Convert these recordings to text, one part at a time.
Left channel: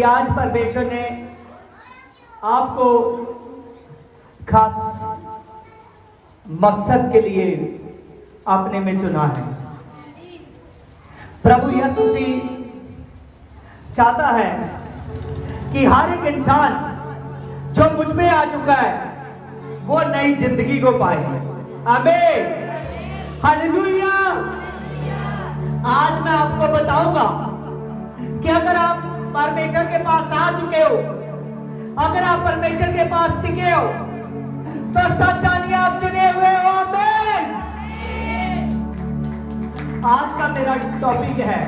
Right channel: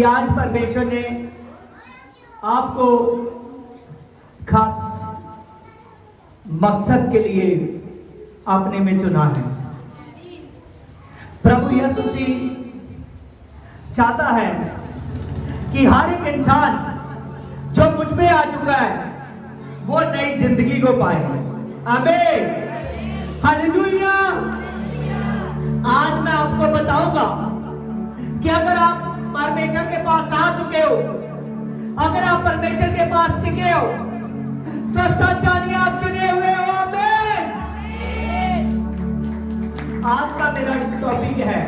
कि आज परमेश्वर ने आपको खास मकसद के लिए अपने में चुना है। प्रभु यीशु मसीह चाहता है कि हर एक इंसान जो मुझ में आ चुका है वो नई जिंदगी को पाए। आमीन, हालेलुया। आज मैं आपको बताऊंगा कि अगर आप परमेश्वर के पास आ चुके हो, अगर आप परमेश्वर के पास टिके हो, तो सच जानिए आप चुने हुए हो। आमीन। आज का मेरा टॉपिक है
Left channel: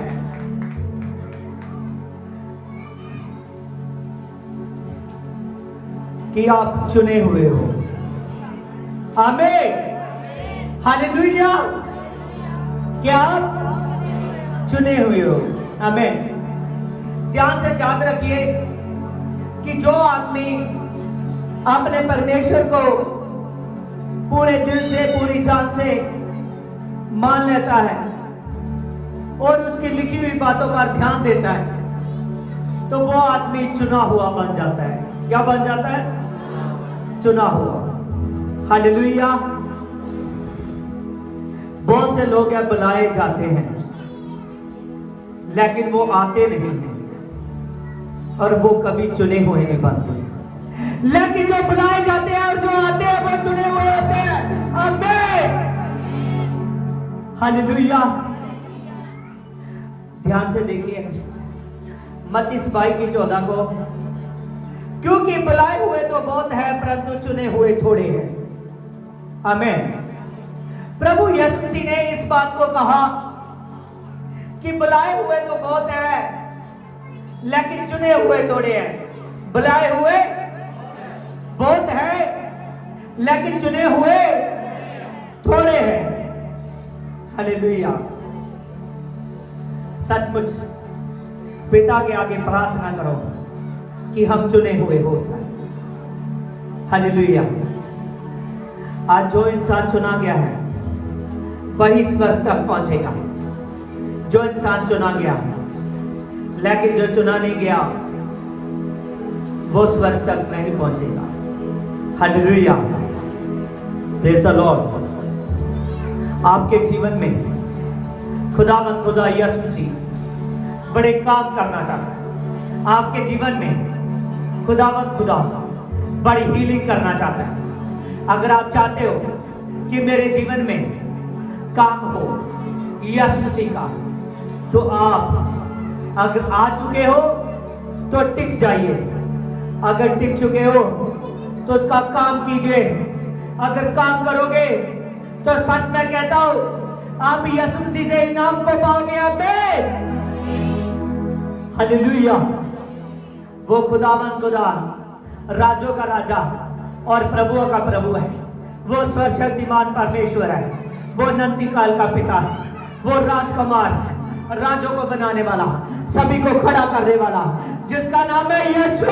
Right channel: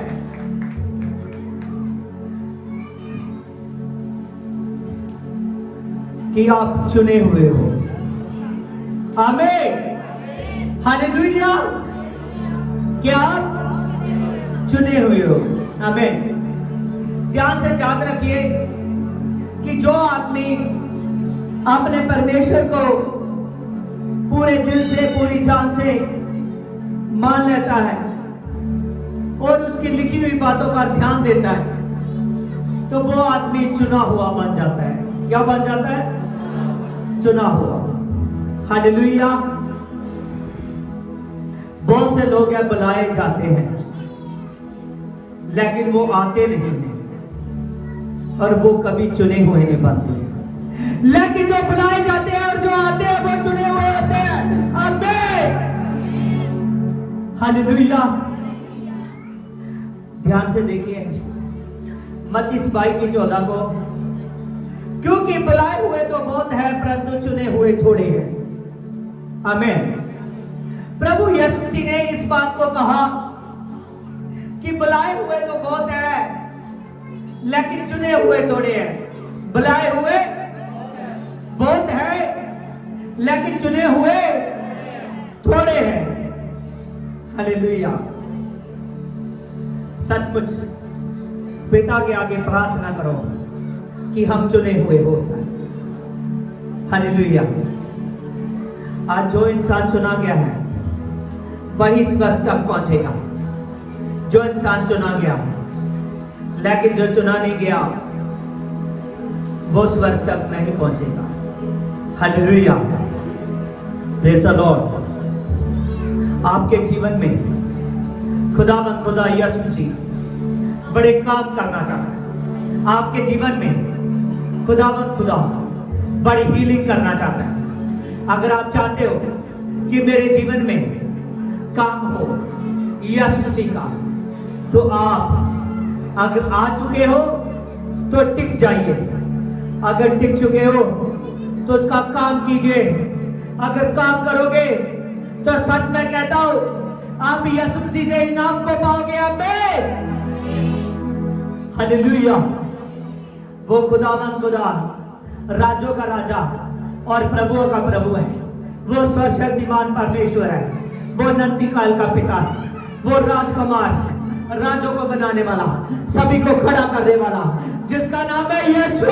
कि आप चुने हुए हो। आमीन, हालेलुया। क्या आप चुने हुए हो? आमीन। ध्यान से याद रखिए कि जो आदमी अपने परमेश्वर को पूरे दिल से, पूरी जान से मान लेता है और उसकी लिखी हुई बातों पर ध्यान देता है, तो वो आदमी चुना हुआ बन जाता है। क्या बन जाता है? चुना हुआ। हालेलुया। बहुत से लोग हैं बुलाए जाते हैं लेकिन वो आते नहीं हैं और वो कभी चुने हुए नहीं बनते। लेकिन जो बुलाए जाते हैं और जो आते हैं वो चुने हुए होते हैं। आमीन, हालेलुया। ध्यान से देखिए मत्ती 22:14 को, क्योंकि बुलाए हुए तो बहुत है परंतु चुने हुए थोड़े हैं। आमीन। प्रभु यीशु मसीह ने इस बात को कहा कि बुलाए हुए तो बहुत है लेकिन चुने हुए थोड़े हैं। बुलाए हुए बहुत है लेकिन चुने हुए थोड़े हैं। हालेलुया। सचमुच पिता के आगे प्रार्थना करो कि हम चुने हुए हो जाए। हालेलुया। आज जो इंसान चुना गया है वही स्वर्ग तक पहुंचेगा। जो इंसान चुना गया है, लेकिन जो चुना नहीं गया वो स्वर्ग तक नहीं पहुंचेगा। Hallelujah, praise the Lord. आपके जीवन में खुदा यीशु मसीह बड़े काम करना चाहता है। आपके जीवन में खुदा बड़ी हीलिंग करना चाहता है। अगर आप चाहते हो कि मेरे जीवन में काम हो यीशु मसीह का, तो आप अगर आ चुके हो तो टिक जाइए। अगर टिक चुके हो तो उसका काम कीजिए। अगर काम करोगे तो सच में कहता हूं आप यीशु मसीह से इनाम को पाओगे। आमीन, हालेलुया। वो खुदा राजों का राजा और प्रभुओं का प्रभु है। वो सर्वशक्तिमान परमेश्वर है। वो अनंत काल का पिता है। वो राजकुमार है, राजों को बनाने वाला, सभी को खड़ा करने वाला, जिसका नाम है यीशु।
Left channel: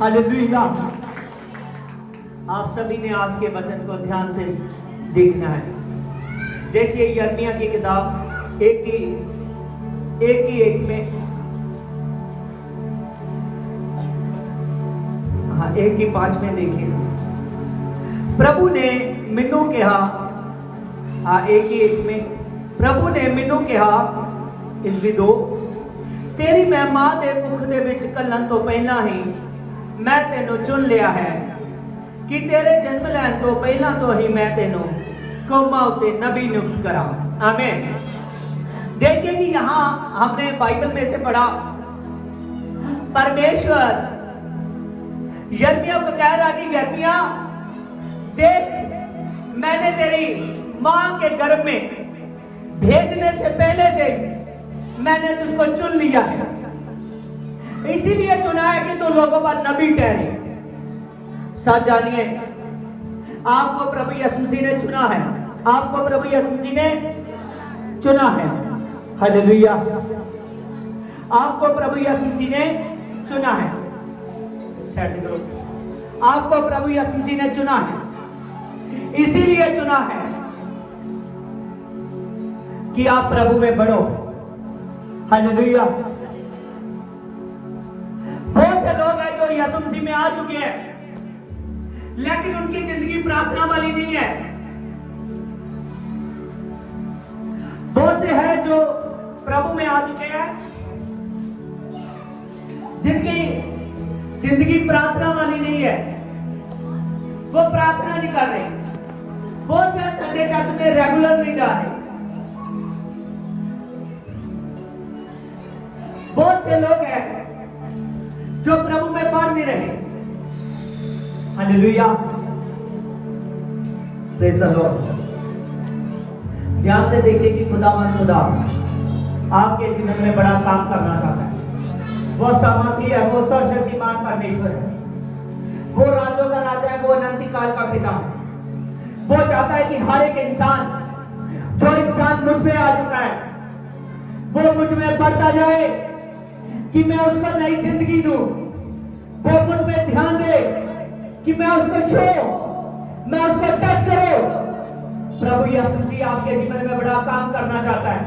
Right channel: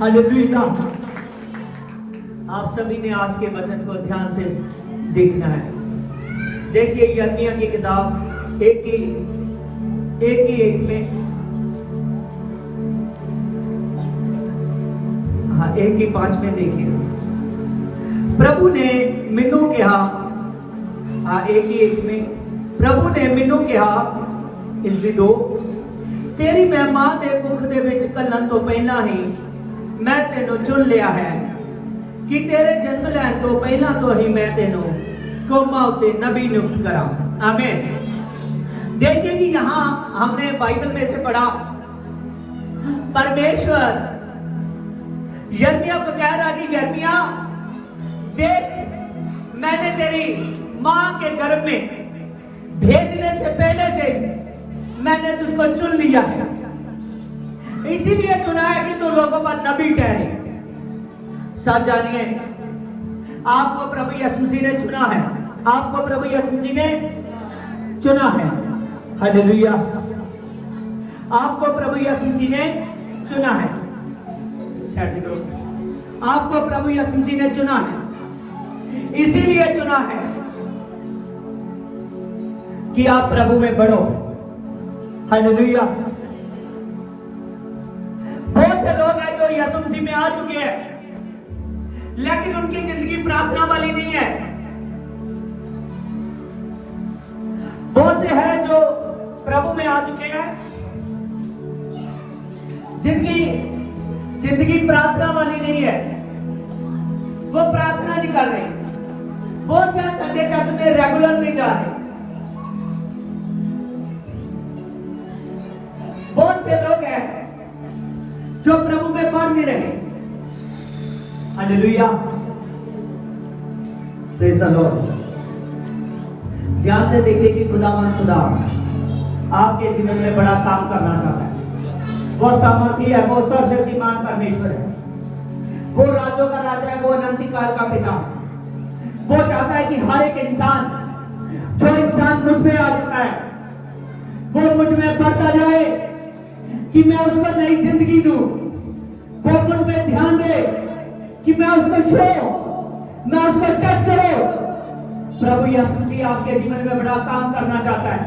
हालेलुया। आप सभी ने आज के वचन को ध्यान से देखना है। देखिए यिर्मयाह की किताब 1 में 1:5 में देखिए, प्रभु ने मैनू कहा। 1:1 में प्रभु ने मैनू कहा, इल्वी 2, तेरी महिमा दे मुख दे विच घल्लण तो पहला ही मैं तेनू चुन लिया है कि तेरे जन्म लैण तो पहला तो ही मैं तेनू कौमां उते नबी नियुक्त करा। आमीन। देखिए कि यहाँ हमने बाइबल में से पढ़ा, परमेश्वर यिर्मयाह को कह रहा कि यिर्मयाह देख, मैंने तेरी मां के गर्भ में भेजने से पहले से मैंने तुझको चुन लिया है। इसीलिए चुना है कि तू लोगों पर नबी ठहरे। साथ जानिए, आपको प्रभु यीशु मसीह ने चुना है। आपको प्रभु यीशु मसीह ने चुना है। हालेलुया। आपको प्रभु यीशु मसीह ने चुना है। आपको प्रभु यीशु मसीह ने चुना है। इसीलिए चुना है कि आप प्रभु में बढ़ो, हालेलुया। बहुत से लोग हैं जो यीशु मसीह में आ चुके हैं, लेकिन उनकी जिंदगी प्रार्थना वाली नहीं है। बहुत से हैं जो प्रभु में आ चुके हैं, जिनकी जिंदगी प्रार्थना वाली नहीं है, वो प्रार्थना नहीं कर रहे। बहुत से संडे चर्च में रेगुलर नहीं जा रहे। बहुत से लोग हैं जो प्रभु में पढ़ नहीं रहे। Hallelujah, praise the Lord. ध्यान से देखिए कि खुदा आपके जीवन में बड़ा काम करना चाहता है। वो सामर्थी है, वो सर्वशक्तिमान परमेश्वर है, वो राजों का राजा है, वो अनंत काल का पिता। वो चाहता है कि हर एक इंसान, जो इंसान मुझ में आ चुका है, वो मुझ में बढ़ता जाए, कि मैं उसको नई जिंदगी दूं। वो मुझ में ध्यान दे कि मैं उसको छू, मैं उसको टच करूं। प्रभु यीशु मसीह आपके जीवन में बड़ा काम करना चाहता है।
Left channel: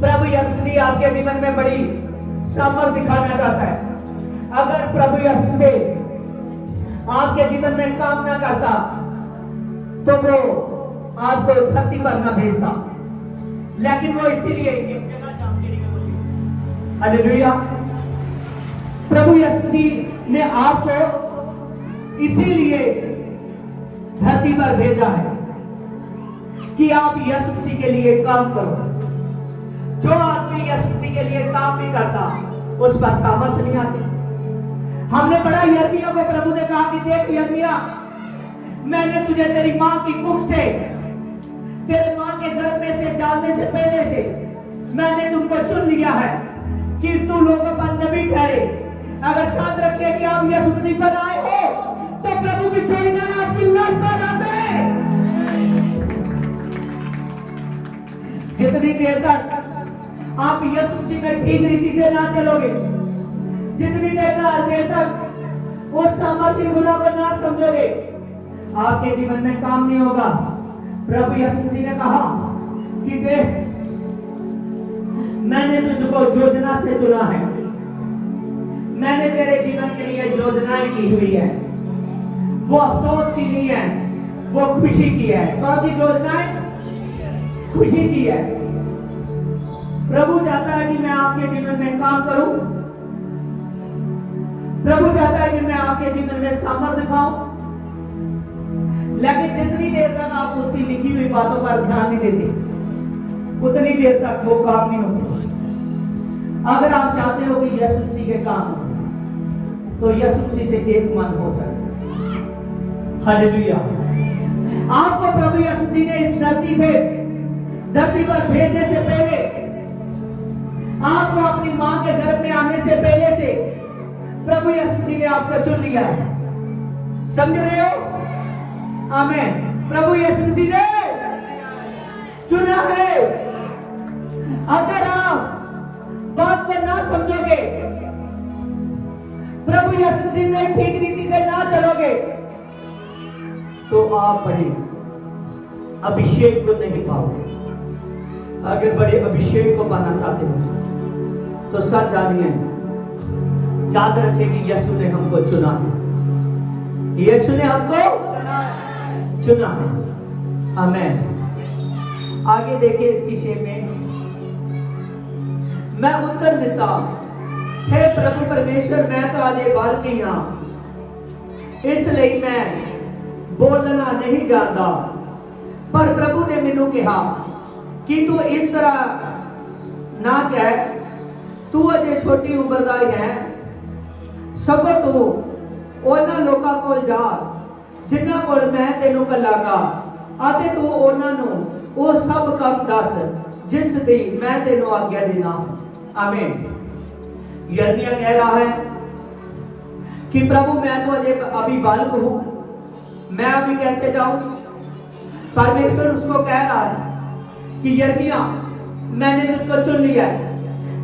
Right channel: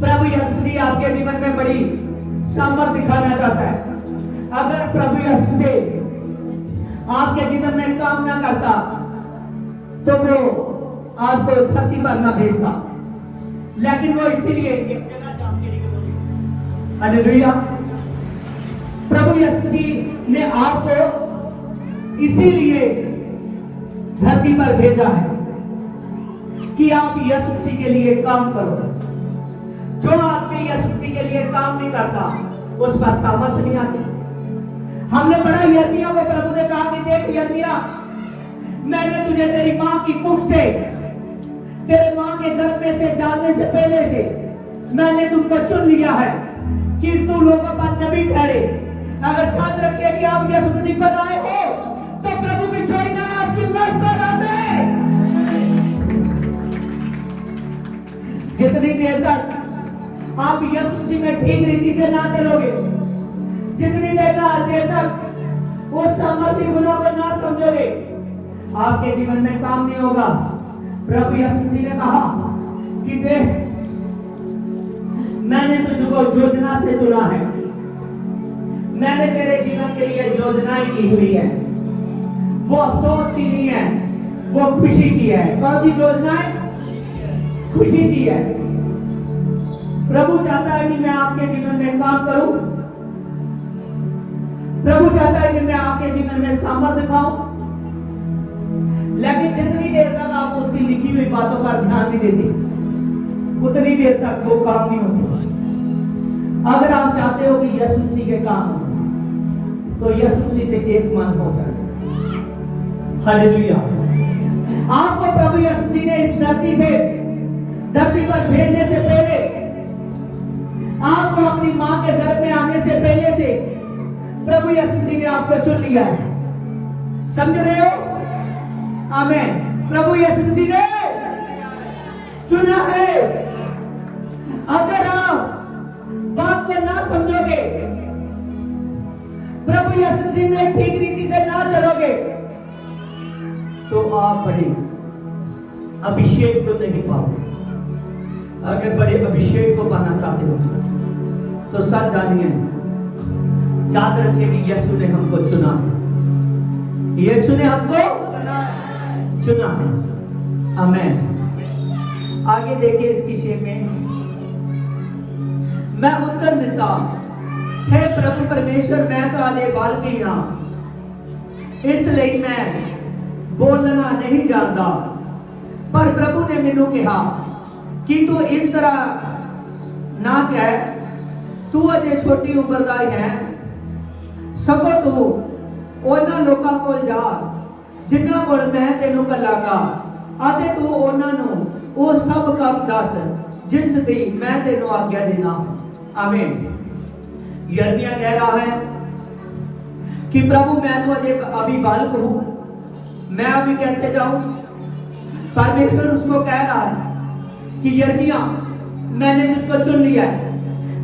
प्रभु यीशु मसीह आपके जीवन में बड़ी सामर्थ दिखाना चाहता है। अगर प्रभु यीशु मसीह आपके जीवन में काम ना करता तो वो आपको धरती पर ना भेजता, लेकिन वो इसीलिए एक जगह से आपके लिए करोगे। हालेलुया। प्रभु यीशु मसीह ने आपको इसीलिए धरती पर भेजा है कि आप यीशु मसीह के लिए काम करो। जो आदमी यीशु मसीह के लिए काम नहीं करता, उस पर सामर्थ नहीं आती। हमने पढ़ा यिर्मयाह को प्रभु ने कहा कि देख यिर्मयाह, मैंने तुझे तेरी मां की कुख से, तेरे मां के गर्भ में से डालने से पहले से मैंने तुमको चुन लिया है कि तू लोगों पर नबी ठहरे। अगर ध्यान रखिए कि आप यीशु मसीह पर आए हो तो प्रभु भी छोड़ना आपकी लाइफ पर आए। जितनी देर तक आप यीशु मसीह में ठीक रीति से ना चलोगे, जितनी देर तक उस सामर्थ्य गुना को ना समझोगे, आपके जीवन में काम नहीं होगा। प्रभु यीशु मसीह ने कहा कि देख, मैंने तुझको योजना से चुना है। मैंने तेरे जीवन के लिए योजनाएं की हुई है। वो अफसोस की नहीं है, वो खुशी की है। कौन सी योजनाएं? खुशी की है। प्रभु चाहता है कि मैं आपके जीवन में काम करूं। प्रभु चाहता है कि मैं आपके जीवन में सामर्थ दिखाऊं, लेकिन जितनी देर तक आप उसकी लिखी हुई बातों पर ध्यान नहीं देते, उतनी देर तक वो काम नहीं होता। अगर आप चाहते हो कि यीशु मसीह के काम हो, तो यीशु मसीह से एक मन हो जाए। हालेलुया। आपको प्रभु यीशु मसीह ने इस धरती पर भेजने से पहले, आपको अपनी मां के गर्भ में आने से पहले से प्रभु यीशु मसीह ने आपको चुन लिया है। समझ रहे हो? आमीन। प्रभु यीशु मसीह ने चुना है। अगर आप बात को ना समझोगे, प्रभु यीशु मसीह ने ठीक रीति से ना चलोगे, तो आप बड़े अभिषेक को नहीं पाओगे। अगर बड़े अभिषेक को पाना चाहते हो तो सच जानिए, याद रखिए कि यीशु ने हमको चुना है। यीशु ने हमको चुना है। आमीन। आगे देखिए इसकी शेर में, मैं उत्तर देता, हे प्रभु परमेश्वर, मैं तो अजे बालकी हां, इसलिए मैं बोलना नहीं जानता। पर प्रभु ने मैनू कहा कि तू इस तरह ना कह, तू अजे छोटी उम्र दा है, सगों तू उन्हां लोकां कोल जा जिन्हां कोल मैं तेनू कलागा, अते तू उन्हां नू वो सब काम दस जिस दी मैं तेनू आज्ञा देना हूं। आमीन। यिर्मयाह कह रहा है कि प्रभु मैं तो अभी बालक हूं, मैं अभी कैसे जाऊं? परमेश्वर उसको कह रहा है कि यिर्मयाह, मैंने तुझको चुन लिया है।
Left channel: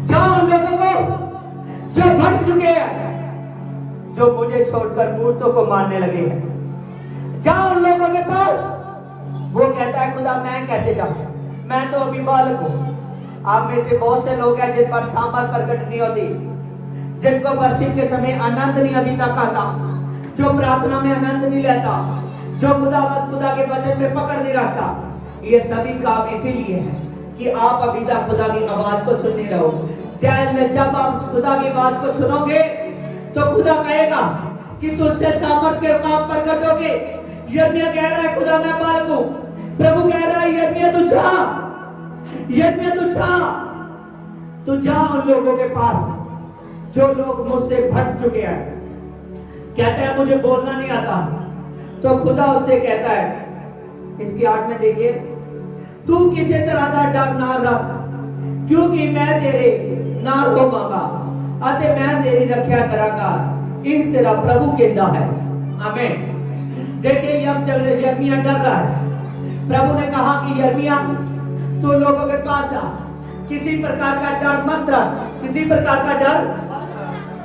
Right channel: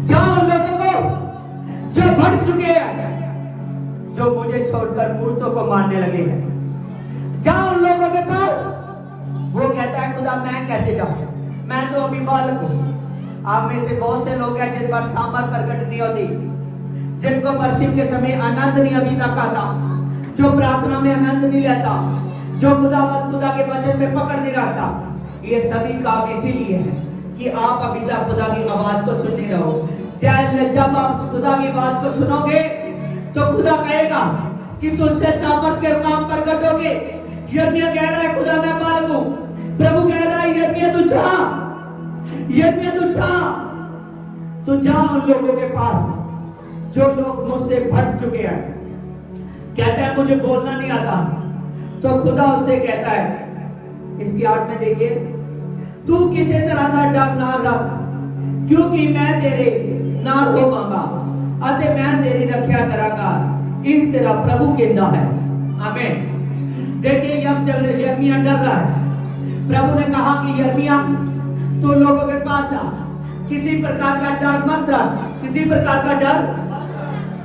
जाओ उन लोगों को जो भटक चुके हैं, जो मुझे छोड़कर मूर्तों को मारने लगे हैं, जाओ उन लोगों के पास। वो कहता है खुदा मैं कैसे जाऊं, मैं तो अभी बालक हूं। आप में से बहुत से लोग हैं जिन पर सांबर प्रकट नहीं होती, जिनको वर्षिप के समय आनंद नहीं अभी तक आता, जो प्रार्थना में आनंद नहीं लेता, जो खुदा के वचन में पकड़ नहीं रखता। ये सभी काम इसीलिए है कि आप अभी तक खुदा की आवाज को सुनते रहो। जब आप खुदा की आवाज को सुनोगे तो खुदा कहेगा कि तुझसे सामर्थ के काम प्रकट होगे। यिर्मयाह कह रहा है खुदा मैं बालक हूं, प्रभु कह रहा है यिर्मयाह तू जा, यिर्मयाह तू जा, तू जा उन लोगों के पास जो लोग मुझसे भटक चुके हैं। कहता है मुझे बोलना नहीं आता, तो खुदा उससे कहता है, इसकी 8 में देखिए, तू किसी तरह का डर ना रख, क्योंकि मैं तेरे नाल होवांगा अते मैं तेरी रक्षा करांगा। इस तरह प्रभु कहता है। आमीन। देखिए अब यिर्मयाह डर रहा है। प्रभु ने कहा कि यिर्मयाह तू लोगों के पास आ, किसी प्रकार का डर मत रख, किसी प्रकार का डर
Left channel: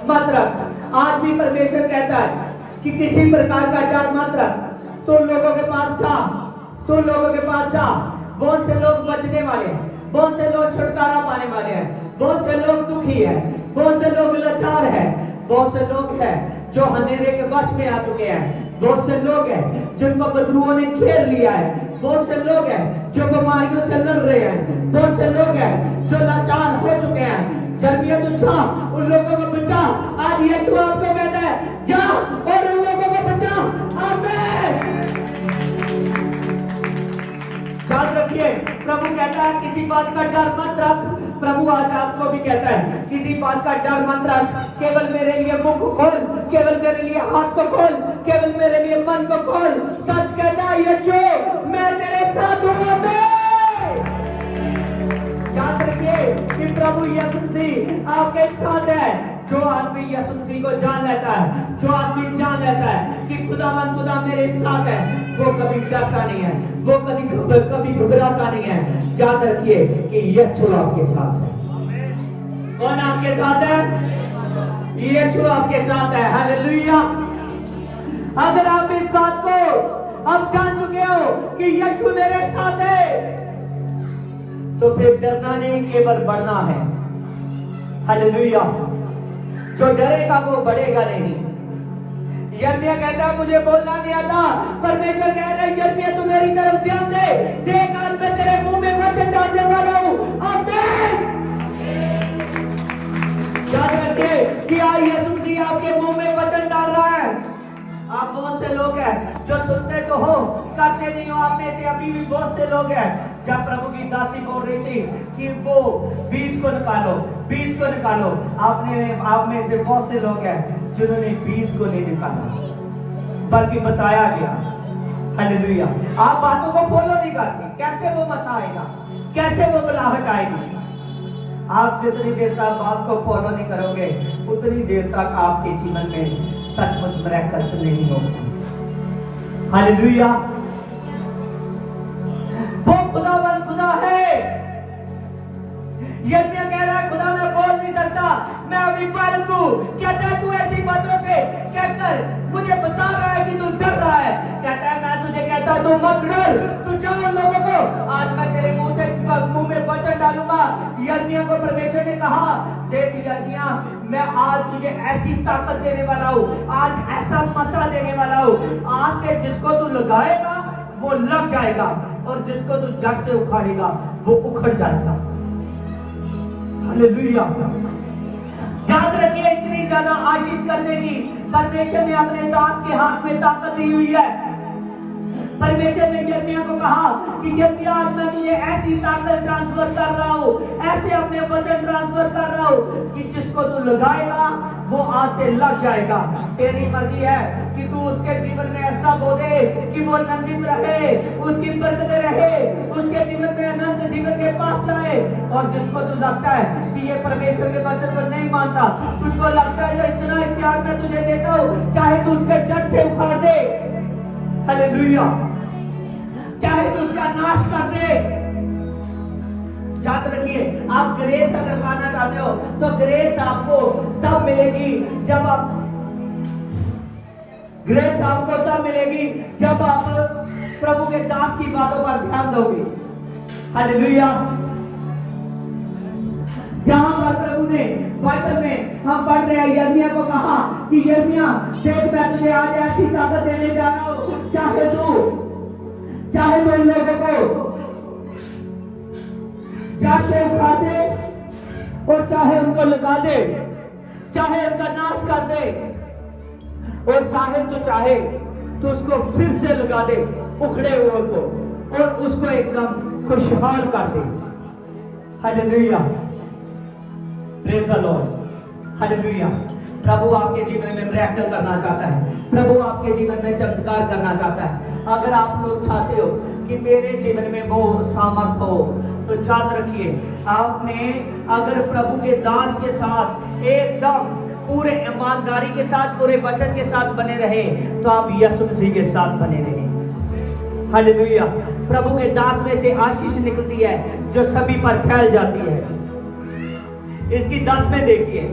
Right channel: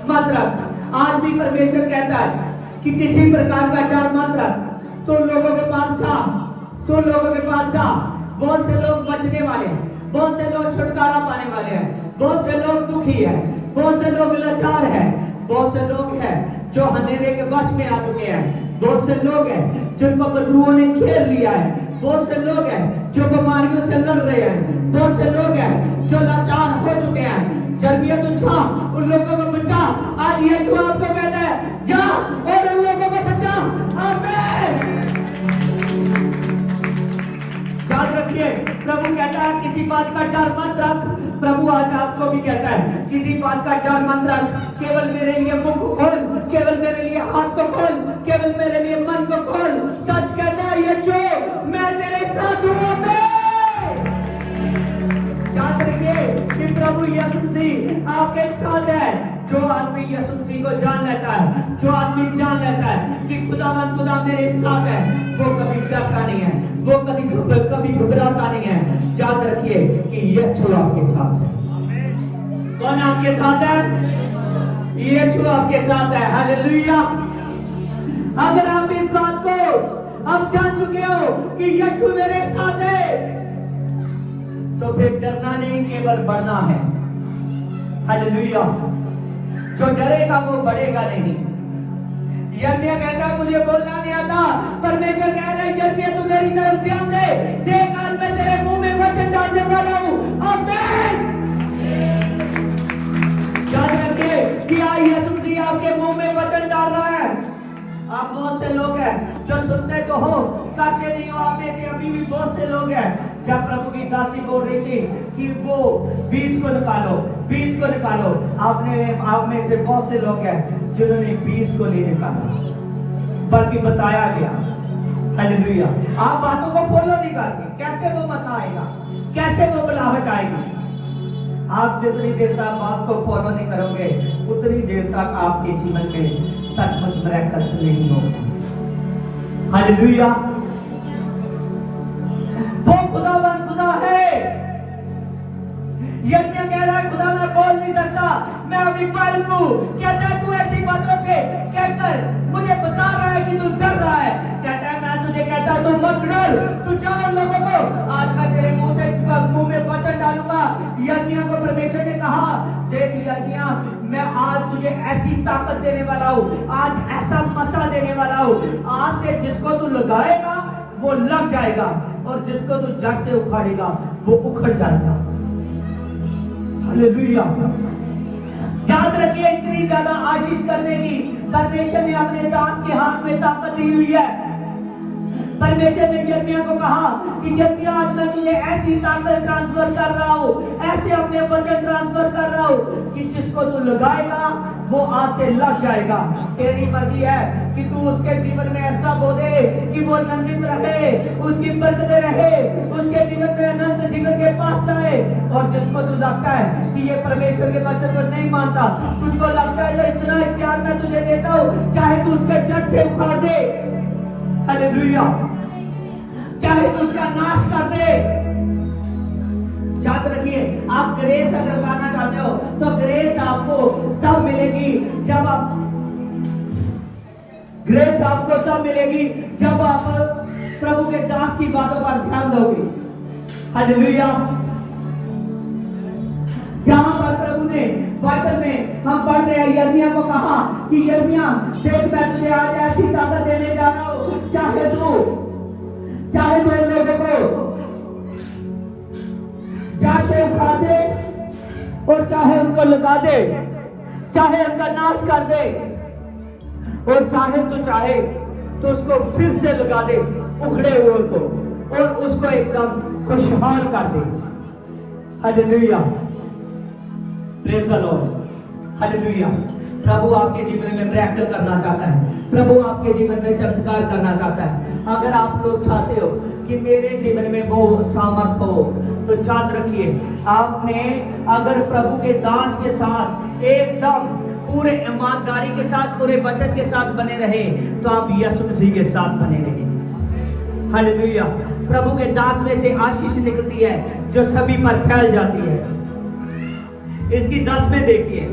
मत रख। आज भी परमेश्वर कहता है कि किसी प्रकार का डर मत रख, तो लोगों के पास जा, तो लोगों के पास जा। बहुत से लोग बचने वाले हैं, बहुत से लोग छुटकारा पाने वाले हैं, बहुत से लोग दुखी हैं, बहुत से लोग लाचार हैं, बहुत से लोग हैं जो अंधेरे के वश में आ चुके हैं, बहुत से लोग हैं जिनको बदरूओं ने घेर लिया है, बहुत से लोग हैं जो बीमारियों से लड़ रहे हैं, बहुत से लोग हैं जो लाचार हो चुके हैं। यिर्मयाह तू जा, उन लोगों को बचा। आज यीशु आपको कहता है जा और उन लोगों को बचा। आमीन। याद रखिए प्रभु कहता है किसी बात का डर मत रख। प्रभु आज आपको भी कहता है किसी बात का डर मत रख, केवल मेरे लिए मुख खोल, केवल मेरे लिए हाथ को खोल, केवल मेरे लिए मन को खोल। सच कहता है ये जो मैं तेरे साथ हूं। याद रखिए कि प्रभु यीशु मसीह आपके साथ है। जो आदमी यीशु मसीह को जान लेता है, जो आदमी जान लेता है कि खुदा मेरे साथ है, वो कभी डरता नहीं है, वो कभी घबराता नहीं है। याद रखिए कि यीशु आपके साथ है। कौन आपके साथ है? यीशु आपके साथ है। हालेलुया। अगर आप इस बात को अब जान चुके हो कि यीशु मेरे साथ है, तो फिर डरना नहीं, केवल बढ़ना है। हालेलुया। जो डरेगा वो बढ़ेगा नहीं। यिर्मयाह कहता है मुझे बोलना नहीं आता, परमेश्वर कह रहा है यिर्मयाह तू मेरी तरफ ध्यान दे, देख आज मैं तेरे मुंह में वचन डालने वाला हूं। आमीन। क्या कहते हैं कि आज यीशु मसीह आपके मुंह में वचन डाल रहा है। आप बहुत से लोग हैं जो सुनते तो हो, करते नहीं हो। आप में से अभी भी बहुत से लोग हैं। जब प्रभु की दासी बोल रही थी कि वो 20 को निकालो, 20 को निकालो, आप में से बहुत से लोग हैं जिन्होंने 20 को नहीं निकाला, बल्कि बताया गया। हालेलुया। आप बातों को फॉलो नहीं करते, कैसे वो मसा आएगा, कैसे वो बुलाहट आएगी। आप जितनी देर तक बात को फॉलो नहीं करोगे, उतनी देर तक आपके जीवन में सचमुच मिरेकल्स नहीं होगा। हालेलुया। वो खुदा है। यिर्मयाह कह रहा है खुदा मैं बोल नहीं सकता, मैं अभी बालक हूं। कहता है तू ऐसी बातों से कहकर मुझे बता रहा है कि तू डर रहा है। कहता है मैं तुझे कहता तू मत डर, तू जान लोगों को आज मैं तेरे मुंह में वचन डालूंगा। यिर्मयाह को परमेश्वर ने कहा देख यिर्मयाह मैं आज तुझे ऐसी ताकत देने वाला हूं, आज ऐसा मसा देने वाला हूं, आज से जिसको तू लगाएगा वो लग जाएगा और जिसको तू जड़ से उखाड़ेगा वो उखड़ जाएगा। हालेलुया। याद रखिए इतनी ज्यादा आशीष करने की परमेश्वर ने अपने दास के हाथ में ताकत दी हुई है। परमेश्वर ने यिर्मयाह को कहा कि यिर्मयाह आज मैं तुझे ऐसी ताकत ट्रांसफर कर रहा हूं, ऐसे अपने वचन ट्रांसफर कर रहा हूं कि जिसको तू लगाएगा वो आज से लग जाएगा। तेरी मर्जी है कि तू उसके जीवन में ऐसा बोले कि वो आनंदित रहे, उसकी बरकतें रहे, उसके जीवन में अनंत जीवन के पास जाए। और जिसको तू लगता है कि ये परमेश्वर के वचन को नहीं मानता, तुझको लगता है तो इतना प्यार मैं तुझे देता हूं, चाहे तू उसके जड़ से उखाड़ दे। हालेलुया। चाहे तू उसका नाश कर दे। याद रखिए आप ग्रेस अगर पाना चाहते हो तो ग्रेस आपको तब मिलेगी जब आप प्रभु के दास की बातों पर ध्यान दोगे। हालेलुया। जहां पर प्रभु ने बाइबल में हम पढ़ रहे हैं, यिर्मयाह को कहा कि यिर्मयाह देख मैं तुझे आज ऐसी ताकत देने जा रहा हूं, चाहे तो इन लोगों को जड़ से उखाड़ दे और चाहे उनको लगा दे, चाहे उनका नाश कर दे, और चाहे तो उसको फिर से लगा दे उखड़े हुए को, और उसको एकदम खुशहाल कर दे। Hallelujah, praise the Lord, hallelujah. प्रभु आपके जीवन में मिरेकल करना चाहता है, प्रभु आपके जीवन में चमत्कार करना चाहता है। अगर आप तो चाहते हो कि मेरे जीवन में वो सामर्थ हो, तो याद रखिए, आपने अगर प्रभु के दास के साथ एकदम पूरे ईमानदारी के साथ, पूरे वचन के साथ बने रहे, तो आप यीशु मसीह के साथ बने रहे। हालेलुया। प्रभु के दास में से आशीष निकलती है जो सभी पर फैल जाती है। इसकी 10 में देखिए,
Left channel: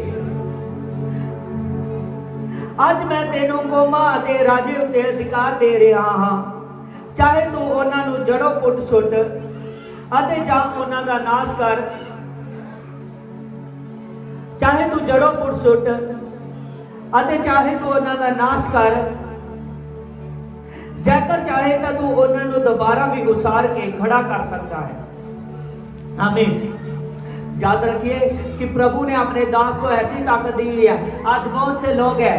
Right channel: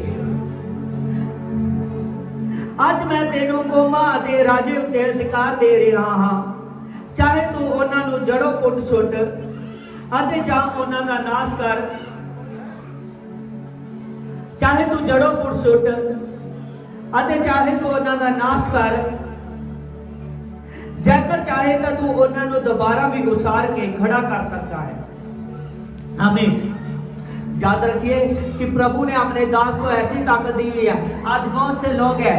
ਅੱਜ ਮੈਂ ਤੈਨੂੰ ਕੌਮਾਂ ਅਤੇ ਰਾਜੇ ਉੱਤੇ ਅਧਿਕਾਰ ਦੇ ਰਿਹਾ ਹਾਂ, ਚਾਹੇ ਤੂੰ ਉਹਨਾਂ ਨੂੰ ਜੜੋਂ ਪੁੱਟ ਸੁੱਟ ਅਤੇ ਜਾਂ ਉਹਨਾਂ ਦਾ ਨਾਸ਼ ਕਰ, ਚਾਹੇ ਤੂੰ ਜੜੋਂ ਪੁੱਟ ਸੁੱਟ ਅਤੇ ਚਾਹੇ ਤੂੰ ਉਹਨਾਂ ਦਾ ਨਾਸ਼ ਕਰ, ਜੇਕਰ ਚਾहे तो तू ਉਹਨਾਂ ਨੂੰ दोबारा भी उसार के खड़ा कर सकता है। आमीन। याद रखिए कि प्रभु ने अपने दास को ऐसी ताकत दी है। आज बहुत से लोग हैं,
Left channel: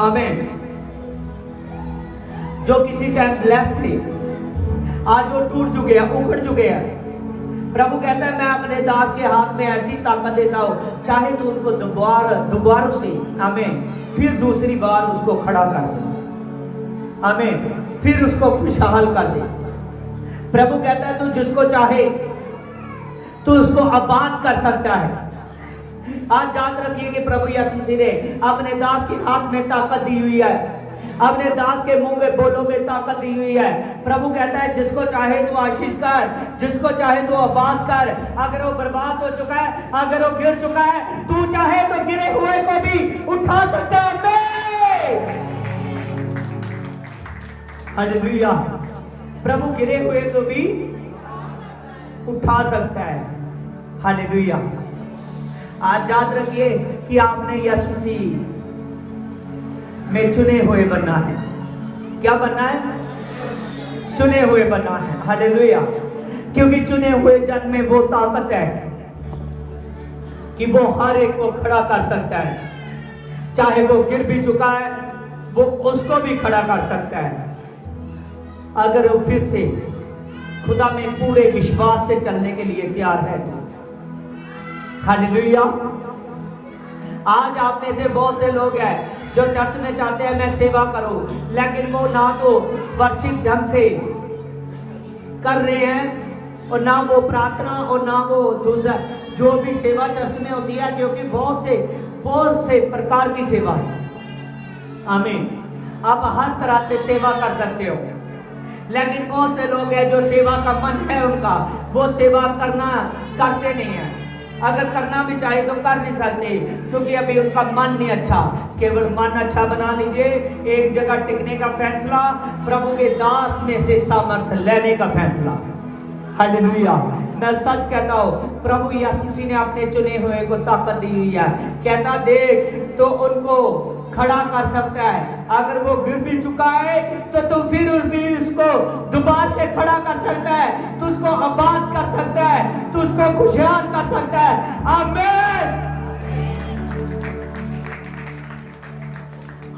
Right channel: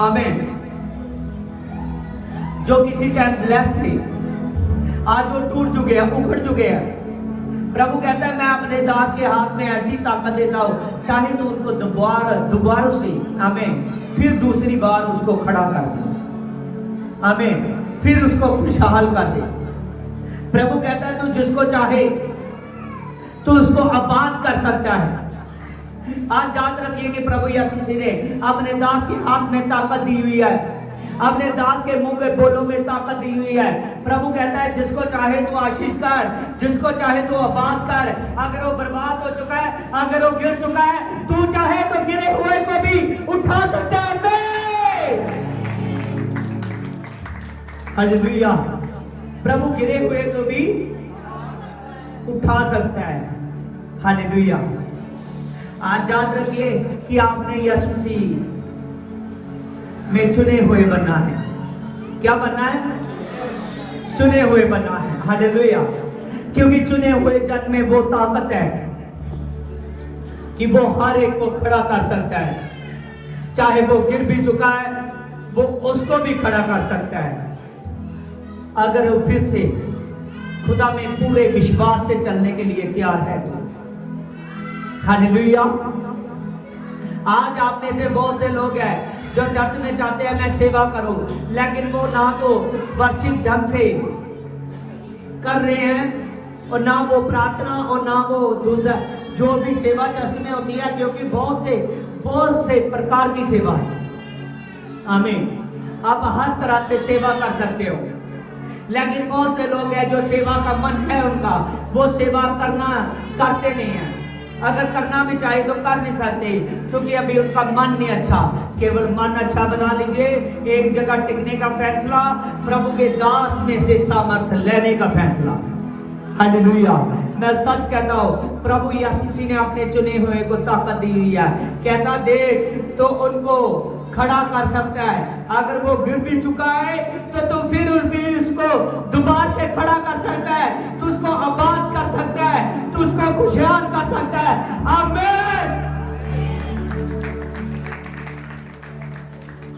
आमीन, जो किसी टाइम ब्लेस्ड थे, आज वो टूट चुके हैं, उखड़ चुके हैं। प्रभु कहता है मैं अपने दास के हाथ में ऐसी ताकत देता हूं, चाहे तो उनको दोबारा से, आमीन, फिर दूसरी बार उसको खड़ा कर दे, आमीन, फिर उसको खुशहाल कर दे। प्रभु कहता है तू जिसको चाहे तो उसको आबाद कर सकता है। आज याद रखिए कि प्रभु यीशु मसीह ने अपने दास के हाथ में ताकत दी हुई है, अपने दास के मुंह में बोलों में ताकत दी हुई है। प्रभु कहता है जिसको चाहे तो आशीष कर, जिसको चाहे तो आबाद कर। अगर वो बर्बाद हो चुका है, अगर वो गिर चुका है, तू चाहे तो गिरे हुए को भी उठा सकता है। हालेलुया। प्रभु गिरे हुए को भी उठा सकता है। हालेलुया। आज याद रखिए कि आपने यीशु मसीह में चुने हुए बनना है। क्या बनना है? चुने हुए बनना है। हालेलुया। क्योंकि चुने हुए जन में वो ताकत है कि वो हर एक को खड़ा कर सकता है, चाहे वो गिर भी चुका है, वो उसको भी खड़ा कर सकता है, अगर वो फिर से खुदा में पूरे विश्वास से चलने के लिए तैयार है तो। हालेलुया। आज आप में से बहुत से लोग हैं जो चर्च में चाहते हैं मैं सेवा करूं, लेकिन वो ना तो वर्षिक ढंग से कर रहे हैं और ना वो प्रार्थना और ना वो दूसरा जो भी सेवा चर्च में होती है, क्योंकि बहुत से प्रकार की सेवा, आमीन, आप हर तरह से सेवा कर सकते हो, लेकिन बहुत से लोग हैं जो सेवा का मन है उनका, वो सेवा करते नहीं है। अगर करना भी चाहे तो कर नहीं सकते, क्योंकि अभी उनका मन नहीं अच्छा। केवल मन अच्छा बना लीजिए, एक जगह टिकने का फैसला, प्रभु के दास में से सामर्थ लेने का फैसला। हालेलुया। मैं सच कहता हूँ, प्रभु यीशु मसीह ने अपने चुने हुए को ताकत दी हुई है। कहता देख तो उनको खड़ा कर सकता है, अगर वो गिर भी चुका है तो फिर भी उसको दोबारा से खड़ा कर सकता है, तो उसको आबाद कर सकता है, तो उसको खुशहाल कर सकता है। आमीन।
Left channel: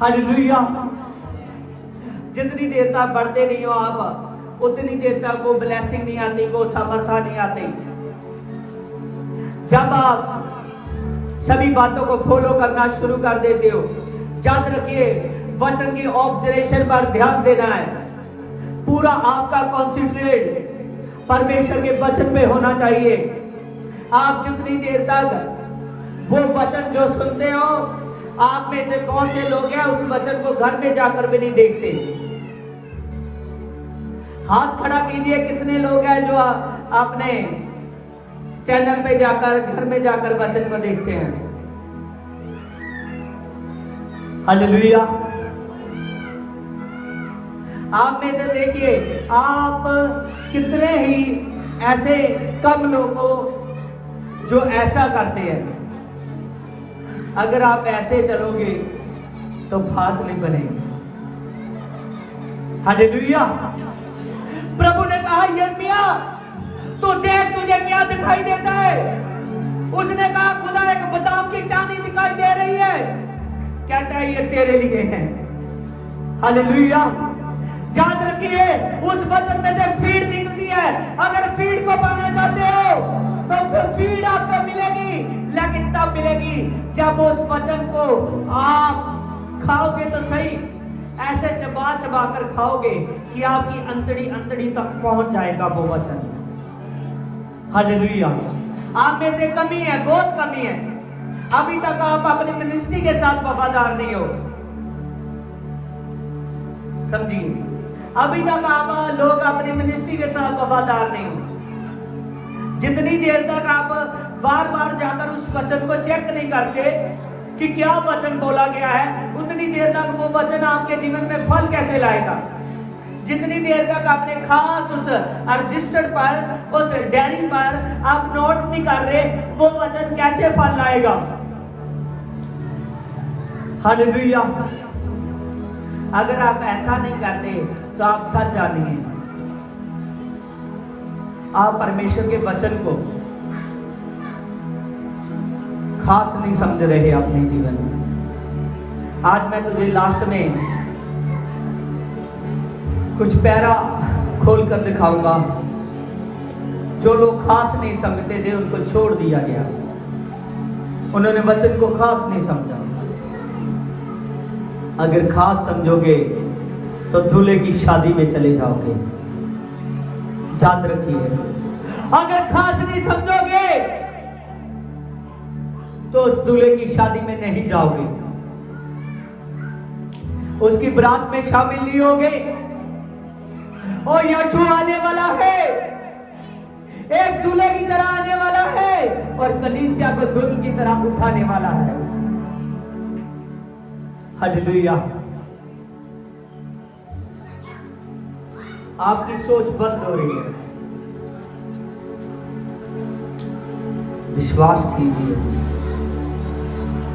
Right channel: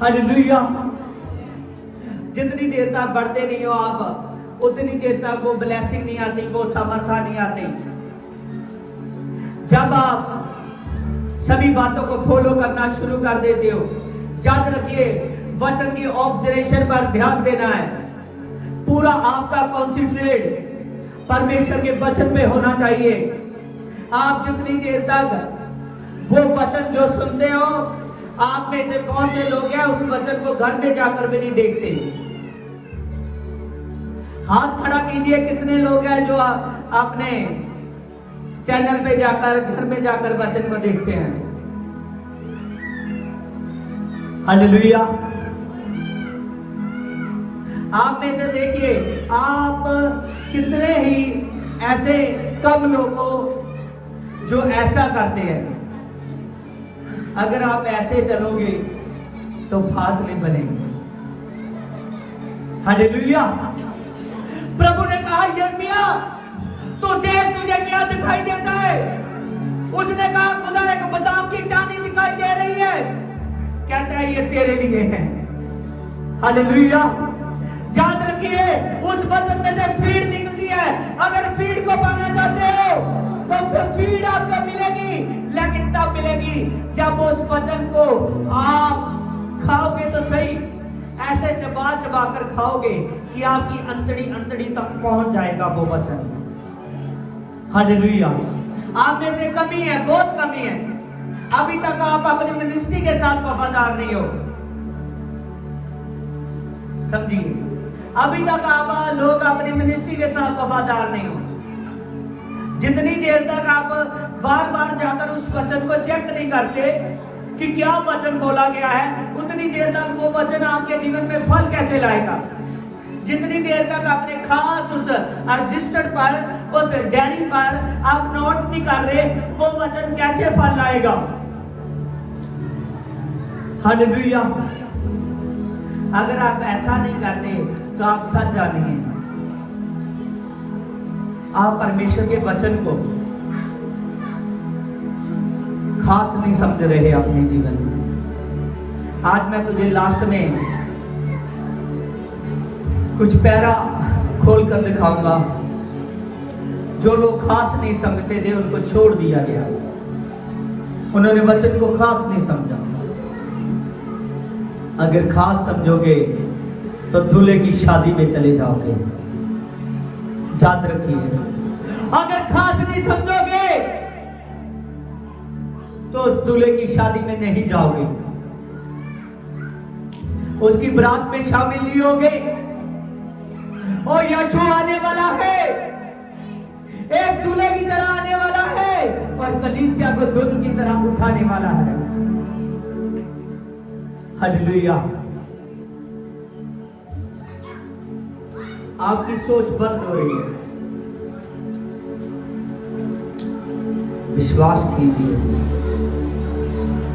हालेलुया। जितनी देर तक बढ़ते नहीं हो आप, उतनी देर तक वो ब्लेसिंग नहीं आती, वो समर्था नहीं आती। जब आप सभी बातों को फॉलो करना शुरू कर देते हो, याद रखिए वचन की ऑब्जर्वेशन पर ध्यान देना है। पूरा आपका कॉन्सेंट्रेट परमेश्वर के वचन पे होना चाहिए। आप जितनी देर तक वो वचन जो सुनते हो, आप में से बहुत से लोग हैं उस वचन को घर में जाकर भी नहीं देखते। हाथ खड़ा कीजिए, कितने लोग हैं जो अपने चैनल पे जाकर, घर में जाकर वचन को देखते हैं। हालेलुया। आप में से देखिए, आप कितने ही ऐसे कम लोगों जो ऐसा करते हैं। अगर आप ऐसे चलोगे तो बात नहीं बनेगी। हालेलुया। प्रभु ने कहा यिर्मयाह तो देख तुझे क्या दिखाई देता है। उसने कहा खुदा एक बादाम की टहनी दिखाई दे रही है। कहता है ये तेरे लिए है। हालेलुया। याद रखिए उस वचन में से फीड निकलती है। अगर फीड को पाना चाहते हो तो फिर फीड आपको मिलेगी, लेकिन तब मिलेगी जब उस वचन को आप खाओगे तो सही, ऐसे चबा चबा कर खाओगे कि आपकी अंतड़ी तक पहुंच जाएगा वो वचन। हालेलुया। आप में से कमी है, बहुत कमी है। अभी तक आप अपनी मिनिस्ट्री के साथ वफादार नहीं हो। समझिए, अभी तक आप लोग अपनी मिनिस्ट्री के साथ वफादार नहीं हो। जितनी देर तक आप बार बार जाकर उस वचन को चेक नहीं करते कि क्या वचन बोला गया है, उतनी देर तक वो वचन आपके जीवन में फल कैसे लाएगा। जितनी देर तक आपने खास उस रजिस्टर पर, उस डायरी पर आप नोट नहीं कर रहे, वो वचन कैसे फल लाएगा। हालेलुया। अगर आप ऐसा नहीं करते तो आप सच जानिए आप परमेश्वर के वचन को खास नहीं समझ रहे अपने जीवन में। आज मैं तुझे लास्ट में कुछ पैरा खोल कर दिखाऊंगा। जो लोग खास नहीं समझते थे उनको छोड़ दिया गया, उन्होंने वचन को खास नहीं समझा। अगर खास समझोगे तो दूल्हे की शादी में चले जाओगे। याद रखिए, अगर खास नहीं समझोगे तो उस दूल्हे की शादी में नहीं जाओगे, उसकी बारात में शामिल नहीं होगे। और यीशु आने वाला है, एक दूल्हे की तरह आने वाला है और कलीसिया को दुल्हन की तरह उठाने वाला है। हालेलुया। आपकी सोच बंद हो रही है, विश्वास कीजिए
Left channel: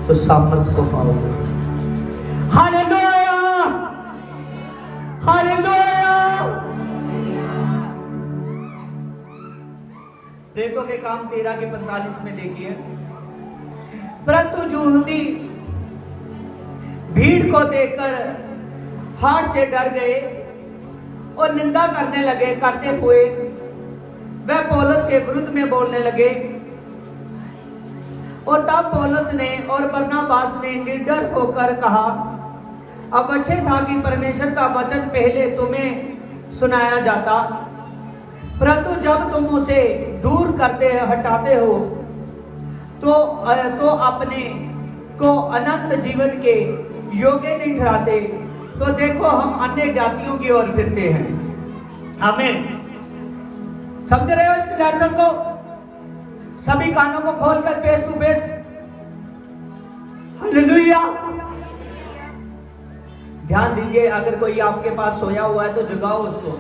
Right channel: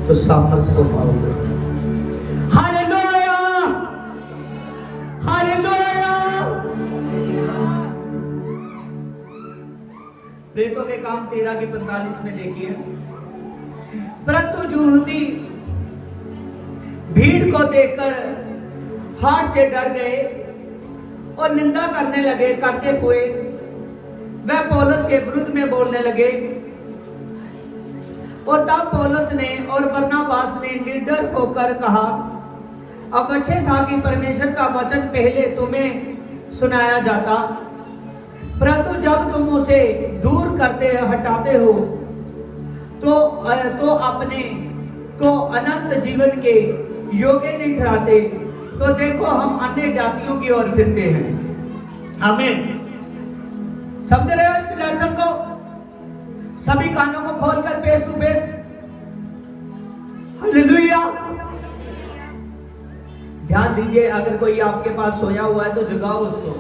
तो सामर्थ को पाओगे। Hallelujah, hallelujah. प्रेरितों के काम 13 के 45 में देखिए, परंतु यहूदी भीड़ को देखकर हाथ से डर गए और निंदा करने लगे। करते हुए वह पौलुस के विरुद्ध में बोलने लगे। और तब पौलुस ने और बरनबास ने निडर होकर कहा, अब अच्छे था कि परमेश्वर का वचन पहले तुम्हें सुनाया जाता, परंतु जब तुम उसे दूर करते हटाते हो तो अपने को अनंत जीवन के योग्य नहीं ठहराते। तो देखो हम अन्य जातियों की ओर फिरते हैं। आमीन। समझ रहे हो इस लेसन को? सभी कानों को खोलकर फेस टू फेस। हालेलुया। ध्यान दीजिए, अगर कोई आपके पास सोया हुआ है तो जगाओ उसको,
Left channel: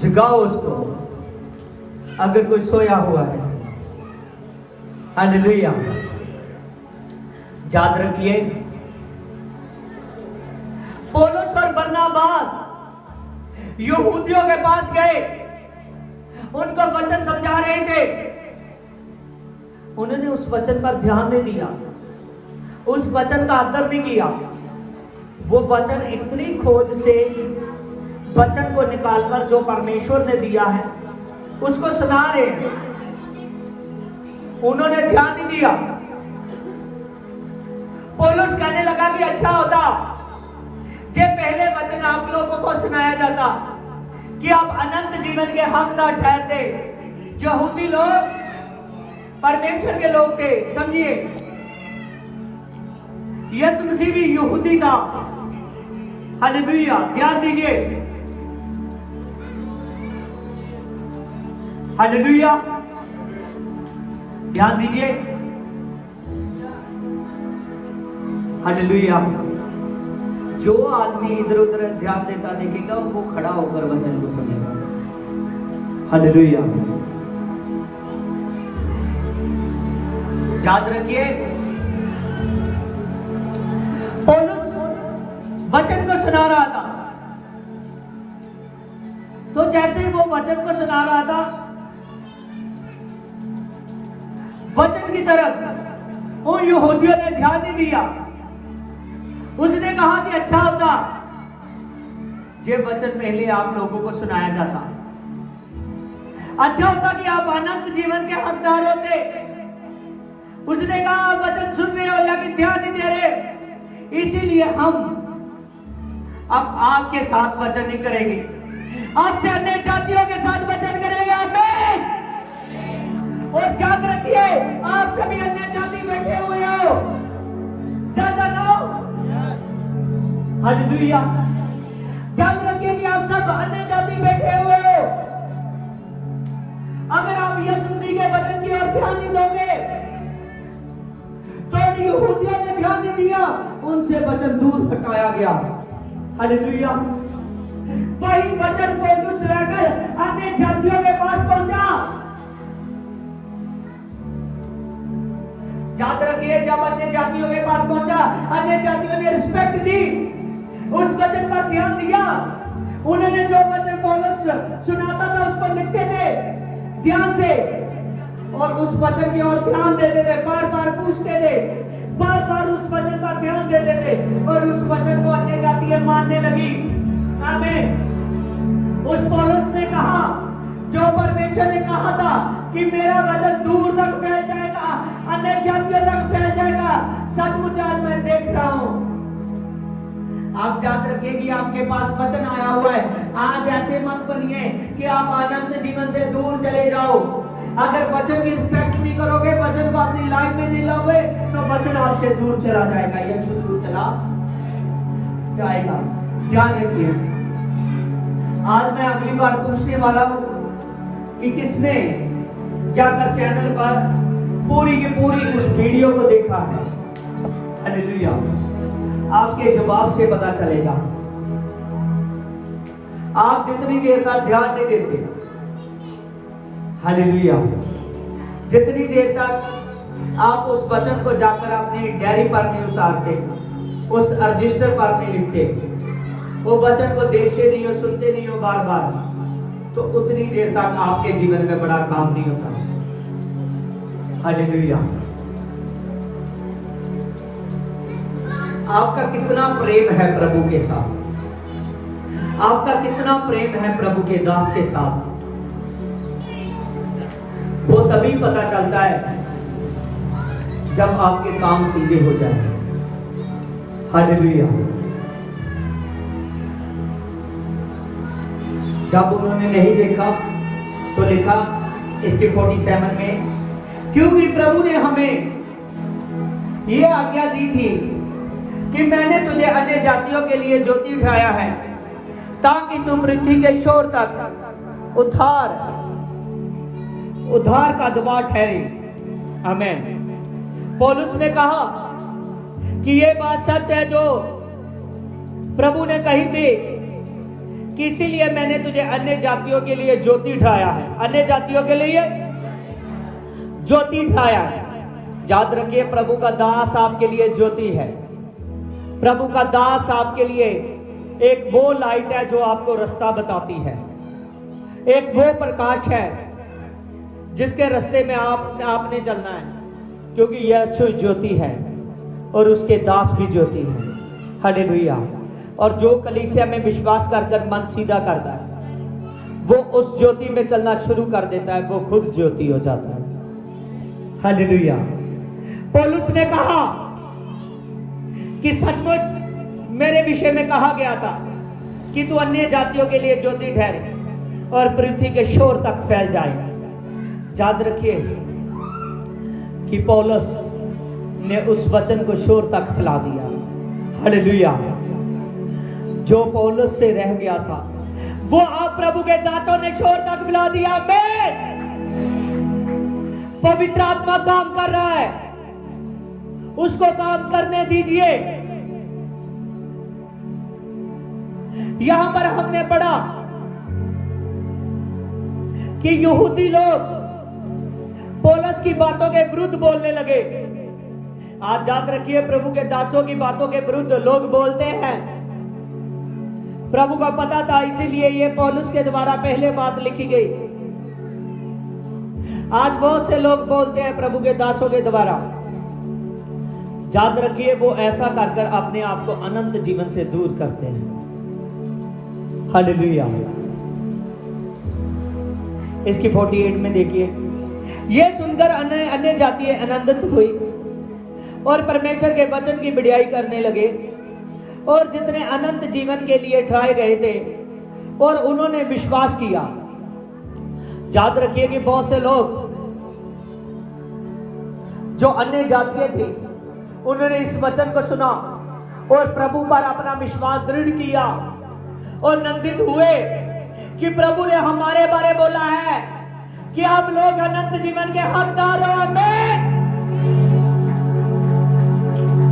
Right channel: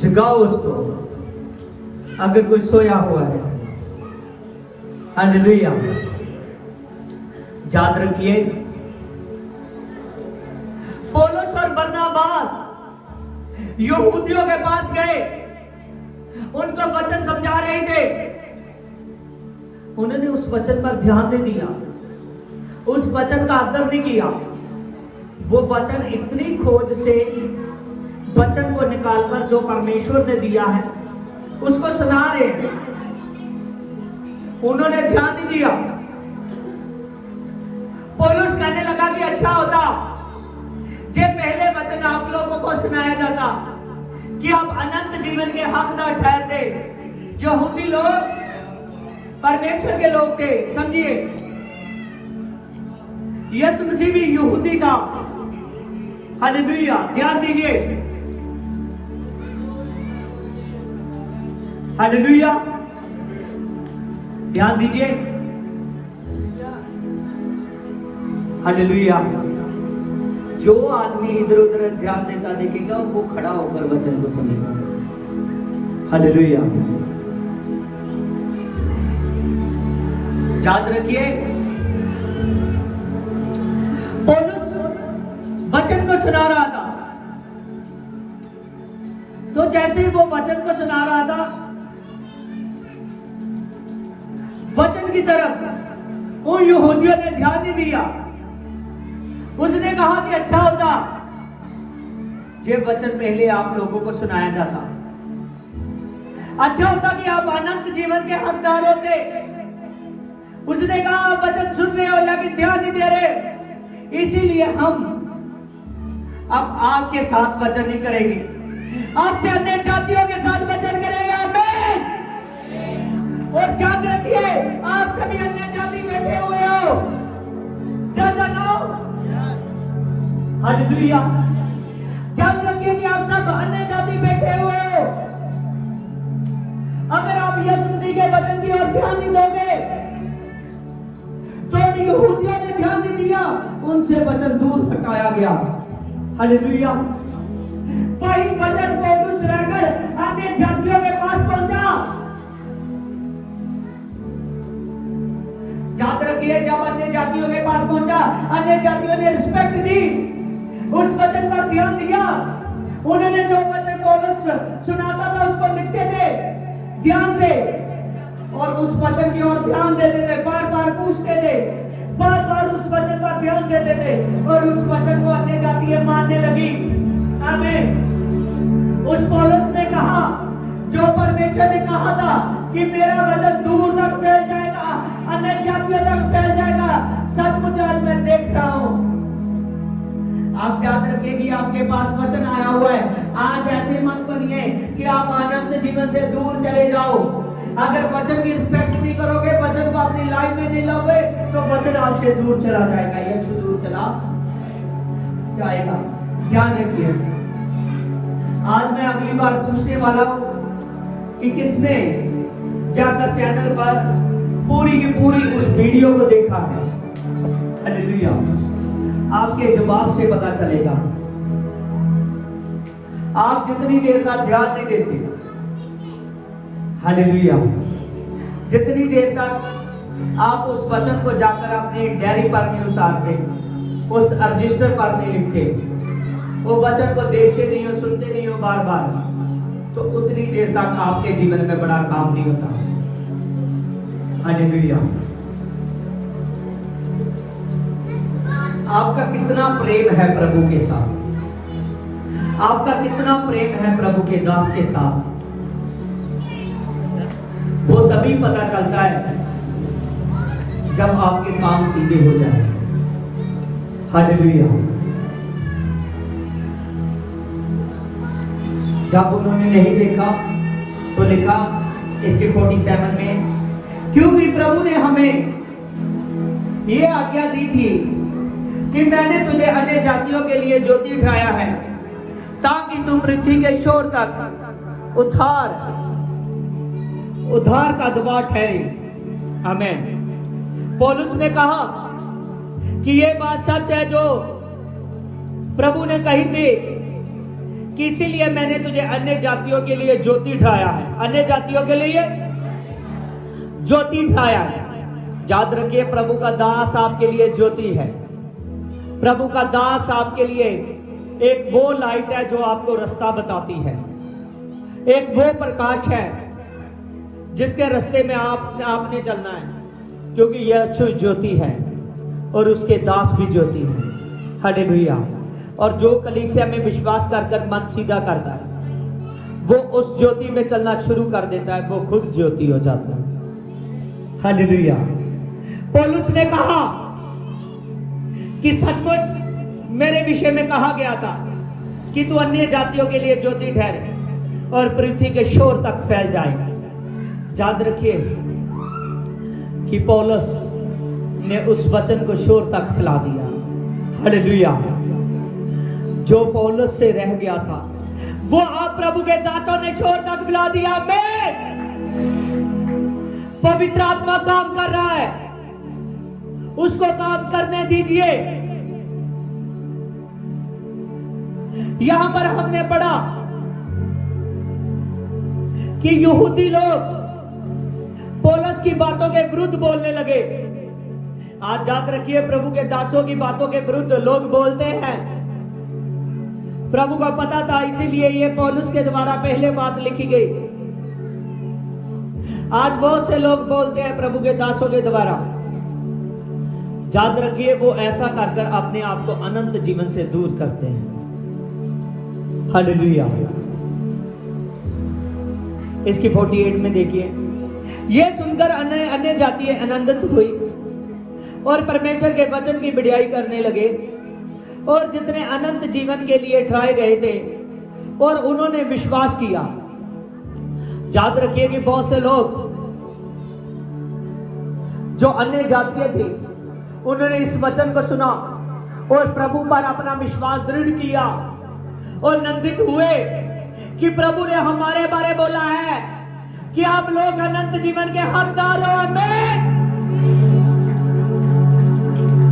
जगाओ उसको। अगर कोई सोया हुआ है, हालेलुया। याद रखिए, पौलुस और बरनबास यहूदियों के पास गए, उनको वचन समझा रहे थे। उन्होंने उस वचन पर ध्यान नहीं दिया, उस वचन का आदर नहीं किया। वो वचन इतनी खोज से वचन को निकाल कर जो परमेश्वर ने दिया है उसको सुना रहे हैं, उन्होंने ध्यान नहीं दिया। पौलुस कहने लगा कि अच्छा होता जब पहले वचन आप लोगों को सुनाया जाता कि आप अनंत जीवन के हकदार ठहरते। जो यहूदी लोग परमेश्वर के लोग थे, समझिए, यीशु मसीह भी यहूदी था। हालेलुया। ध्यान दीजिए, हालेलुया। ध्यान दीजिए, हालेलुया। जो आदमी इधर उधर ध्यान देता देखेगा वो खड़ा होकर वचन को सुनेगा। हालेलुया। याद रखिए, पौलुस वचन को सुना रहा था, तो जैसे वो वचन को सुना रहा था, वचन की तरफ उन यहूदियों ने ध्यान नहीं दिया। उसने कहा कि अच्छा होता ये वचन पहले आप लोगों को सुनाया जाता, अच्छा होता कि आप अनंत जीवन के हकदार होते। उसने कहा आप वचन सुन रहे हो लेकिन ध्यान नहीं दे रहे, इसीलिए हम अब आपके साथ वचन नहीं करेंगे, आपसे अन्य जातियों के साथ वचन करेंगे। आमीन। और याद रखिए, आप सभी अन्य जाति बैठे हुए हो, हालेलुया। याद रखिए कि आप सब अन्य जाति बैठे हुए हो। अगर आप यीशु मसीह के वचन की ओर ध्यान नहीं दोगे, तो यहूदियों ने ध्यान नहीं दिया, उनसे वचन दूर हटाया गया। हालेलुया। वही वचन पौलुस रहकर अन्य जातियों के पास पहुंचा। याद रखिए, जब अन्य जातियों के पास पहुंचा, अन्य जातियों ने रिस्पेक्ट दी, उस वचन पर ध्यान दिया। उन्होंने जो वचन पौलुस सुनाता था उसको लिखते थे ध्यान से, और उस वचन की ओर ध्यान देते थे, बार बार पूछते थे, बार बार उस वचन पर ध्यान देते थे, और उस वचन को अन्य जातियां मानने लगी। आमीन। उस पौलुस ने कहा, जो परमेश्वर ने कहा था कि मेरा वचन दूर तक फैल जाएगा, अन्य जातियों तक फैल जाएगा, सचमुच आज मैं देख रहा हूं। आप याद रखिए कि आपके पास वचन आया हुआ है। आज ऐसे मत बनिए कि आप आनंद जीवन से दूर चले जाओ। अगर वचन की रिस्पेक्ट नहीं करोगे, वचन को अपनी लाइफ में नहीं लाओगे, तो वचन आपसे दूर चला जाएगा, ये दूर चला जाएगा। ध्यान रखिए। आज मैं अगली बार पूछने वाला हूं कि किसने जाकर चैनल पर पूरी की पूरी उस वीडियो को देखा है। हालेलुया। आपके जवाब से पता चलेगा। आप जितनी देर का ध्यान नहीं देते, हालेलुया, जितनी देर तक आप उस वचन को जाकर अपने डायरी पर नहीं उतारते, उस रजिस्टर पर नहीं लिखते, वो वचन को देखते नहीं हो, सुनते नहीं हो बार बार, तो उतनी देर तक आपके जीवन में बड़ा काम नहीं होता। हालेलुया। आपका कितना प्रेम है प्रभु के साथ, आपका कितना प्रेम है प्रभु के दास के साथ, वो तभी पता चलता है जब आपके काम सीधे हो जाए। हालेलुया। जब उन्होंने नहीं देखा तो लिखा इसकी 47 में, क्योंकि प्रभु ने हमें ये आज्ञा दी थी कि मैंने तुझे अन्य जातियों के लिए ज्योति उठाया है, ताकि तुम पृथ्वी के छोर तक उद्धार का दबाव ठहरे। आमीन। पौलुस ने कहा कि ये बात सच है जो प्रभु ने कही थी, कि इसीलिए मैंने तुझे अन्य जातियों के लिए ज्योति उठाया है, अन्य जातियों के लिए ज्योति उठाया है। याद रखिए, प्रभु का दास आपके लिए ज्योति है। प्रभु का दास आपके लिए एक वो लाइट है जो आपको रास्ता बताती है, एक वो प्रकाश है जिसके रास्ते में आपने चलना है, क्योंकि यह ज्योति है और उसके दास भी ज्योति है। हालेलुया। और जो कलीसिया में विश्वास कर मन सीधा करता है, वो उस ज्योति में चलना शुरू कर देता है, वो खुद ज्योति हो जाता है। हालेलुया। पौलुस ने कहा कि सचमुच मेरे विषय में कहा गया था कि तू अन्य जातियों के लिए ज्योति ठहरे और पृथ्वी के शोर तक फैल जाएगा। याद रखिए कि पौलुस ने उस वचन को शोर तक फैला दिया। हालेलुया। जो पौलुस से रह गया था, वो आप प्रभु के दासों ने शोर तक फैला दिया। पवित्र आत्मा काम कर रहा है, उसको काम करने दीजिए। यहां पर हमने पढ़ा कि यहूदी लोग पौलुस की बातों के विरुद्ध बोलने लगे। आज याद रखिए, प्रभु के दासों की बातों के विरुद्ध लोग बोलते हैं। प्रभु को पता था, इसीलिए ये पौलुस के द्वारा पहले बात लिखी गई। आज बहुत से लोग बोलते हैं प्रभु के दासों के द्वारा। याद रखिए, वो ऐसा कर अपने आप को अनंत जीवन से दूर करते हैं। हालेलुया। इसकी 48 में देखिए, ये सुनकर अन्य जातियां आनंदित हुई और परमेश्वर के वचन की बढ़ाई करने लगे, और जितने अनंत जीवन के लिए ठहराए गए थे और उन्होंने विश्वास किया। याद रखिए कि बहुत से लोग जो अन्य जातियां थी, उन्होंने इस वचन को सुना और प्रभु पर अपना विश्वास दृढ़ किया और नंदित हुए कि प्रभु ने हमारे बारे बोला है कि आप लोग अनंत जीवन के हकदार हो।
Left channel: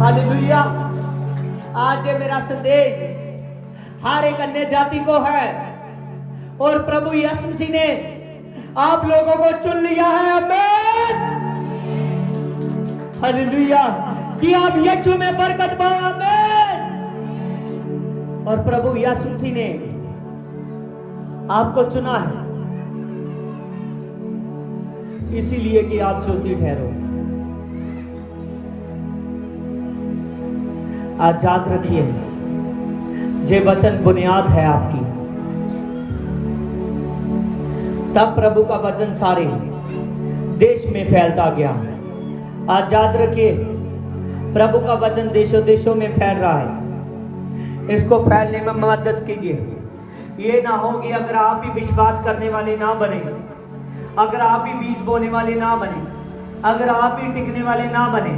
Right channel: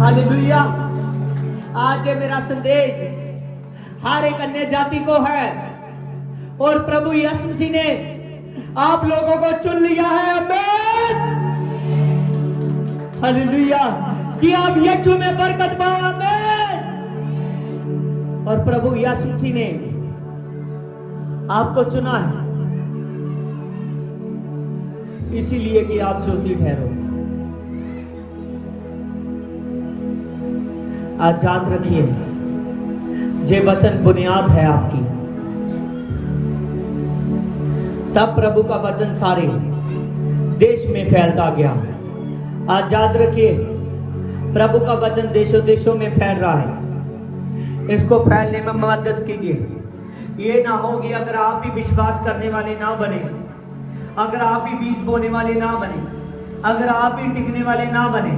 हालेलुया। आज ये मेरा संदेश हर एक अन्य जाति को है, और प्रभु यीशु जी ने आप लोगों को चुन लिया है। आमीन। हालेलुया। कि आप यीशु में बरकत पाओ। आमीन। और प्रभु यीशु जी ने आपको चुना है इसीलिए कि आप ज्योति ठहरो। आज याद रखिए, ये वचन बुनियाद है आपकी। तब प्रभु का वचन सारे देश में फैलता गया। आज याद रखिए, प्रभु का वचन देशों देशों में फैल रहा है। इसको फैलने में मदद कीजिए। ये ना हो कि अगर आप भी विश्वास करने वाले ना बने, अगर आप भी बीज बोने वाले ना बने, अगर आप भी टिकने वाले ना बने,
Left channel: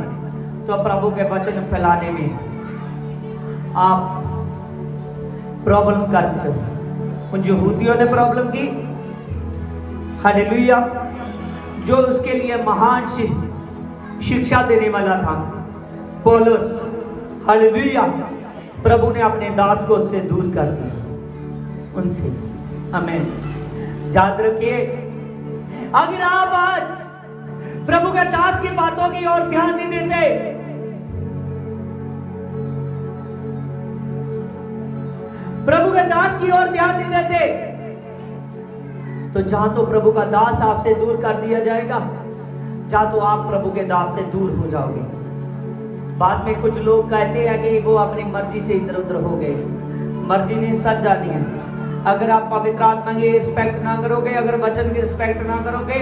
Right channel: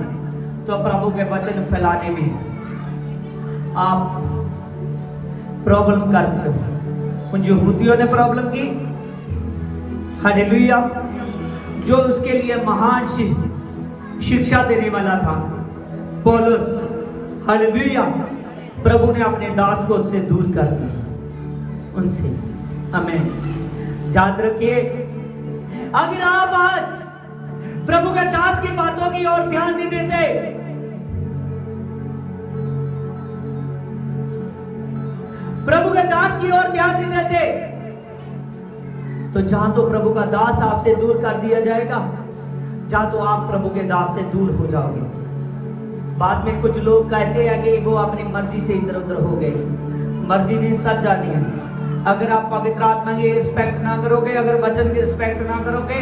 तो प्रभु के वचन फैलाने में आप प्रॉब्लम करते हो। उन यहूदियों ने प्रॉब्लम की। हालेलुया। जो उसके लिए महान शिक्षा देने वाला था, पौलुस। हालेलुया। प्रभु ने अपने दास को उससे दूर कर दिया, उनसे। हमें याद रखिए, अगर आप आज प्रभु के दास की बातों की ओर ध्यान नहीं देते, प्रभु के दास की ओर ध्यान नहीं देते, तो जहां तो प्रभु का दास आपसे दूर कर दिया जाएगा, जहां तो आप प्रभु के दास से दूर हो जाओगे। बाद में कुछ लोग कहते हैं कि वो अपनी मर्जी से इधर उधर हो गए। मर्जी नहीं, सच जानी है। अगर आप पवित्र आत्मा की रिस्पेक्ट ना करोगे, अगर वचन की रिस्पेक्ट ना करोगे,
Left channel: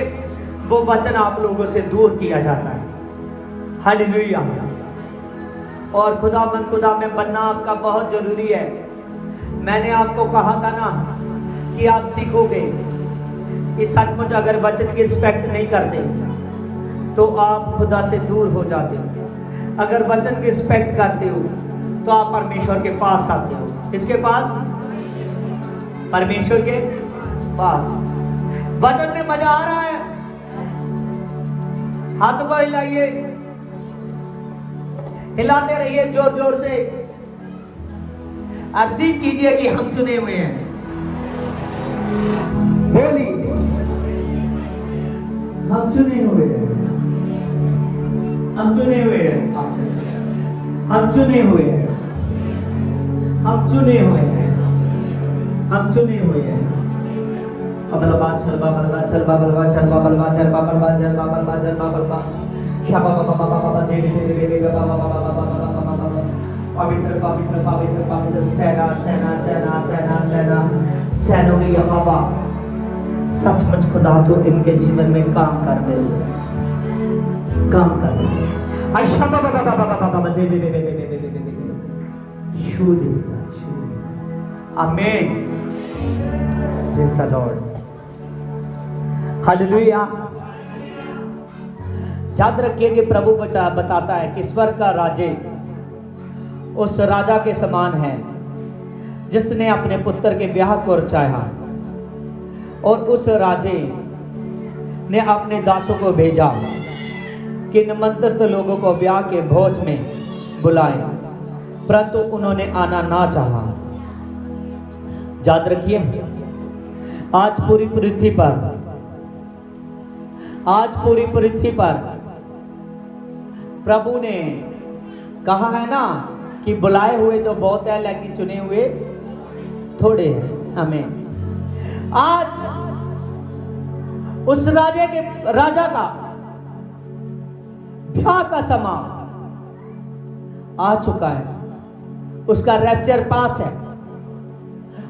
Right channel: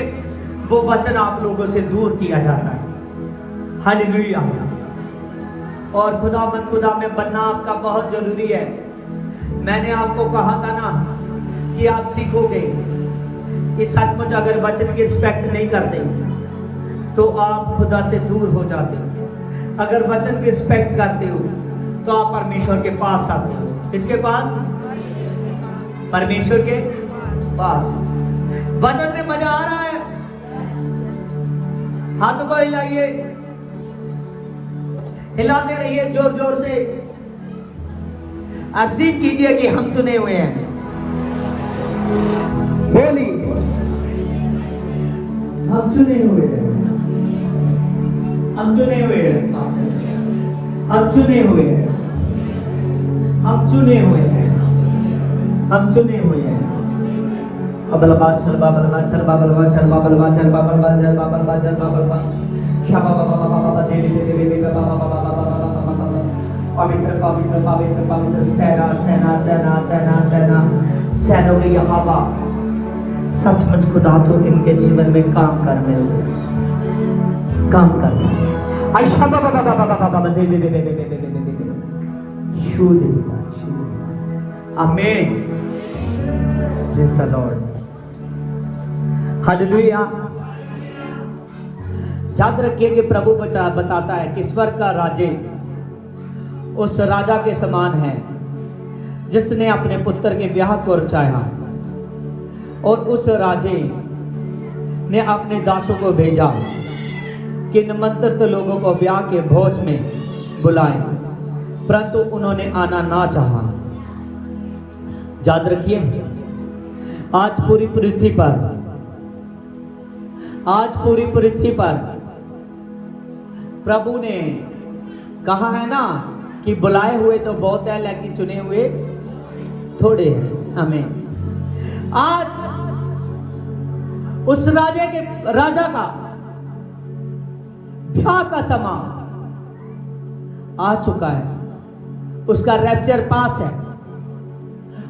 वो वचन आप लोगों से दूर किया जाता है। हालेलुया। और खुदा में बनना आपका बहुत जरूरी है। मैंने आपको कहा था ना कि आप सीखोगे कि सचमुच अगर वचन की रिस्पेक्ट नहीं करते तो आप खुदा से दूर हो जाते हो। अगर वचन की रिस्पेक्ट करते हो तो आप परमेश्वर के पास आते हो। किसके पास? परमेश्वर के पास। वचन में मजा आ रहा है? हाथों को हिलाइए, हिलाते रहिए जोर जोर से। अर्जी कीजिए कि हम चुने हुए हैं। डेली हम चुने हुए हैं, हम चुने हुए हैं, हम चुने हुए हैं, हम चुने हुए हैं, हम चुने हुए हैं। अबलबा चलबा बलबा चलबा बलबा चलबा बलबा चलबा बलबा चलबा बलबा चलबा बलबा शाबा बाबा बाबा देवी देवी देवी बाबा बाबा पवित्र पवित्र पवित्र पवित्र सेना सेना सेना सेना सेना सैनों यहोवा। सचमुच खुदा तो इनके जीवन में काम कर रहे हैं, काम कर रहे हैं। शाबा बाबा बाबा बाबा देवी देवी देवी देवी देवी शुद्ध। आमीन। Praise the Lord. हालेलुया। याद रखिए कि प्रभु बताता है कि स्वर्ग का राज्य उस राजा के समान है जिसने अपने पुत्र के ब्याह को चाहा, और उस राजे ने अपने दासों को भेजा कि निमंत्रित लोगों को ब्याह के भोज में बुलाए, परंतु उन्होंने आना ना चाहा। याद रखिए, आज पूरी पृथ्वी पर आज पूरी पृथ्वी पर प्रभु ने कहा है ना कि बुलाए हुए तो बहुत है लेकिन चुने हुए थोड़े हैं। हमें आज उस राजा का ब्याह का समय आ चुका है, उसका रैप्चर पास है,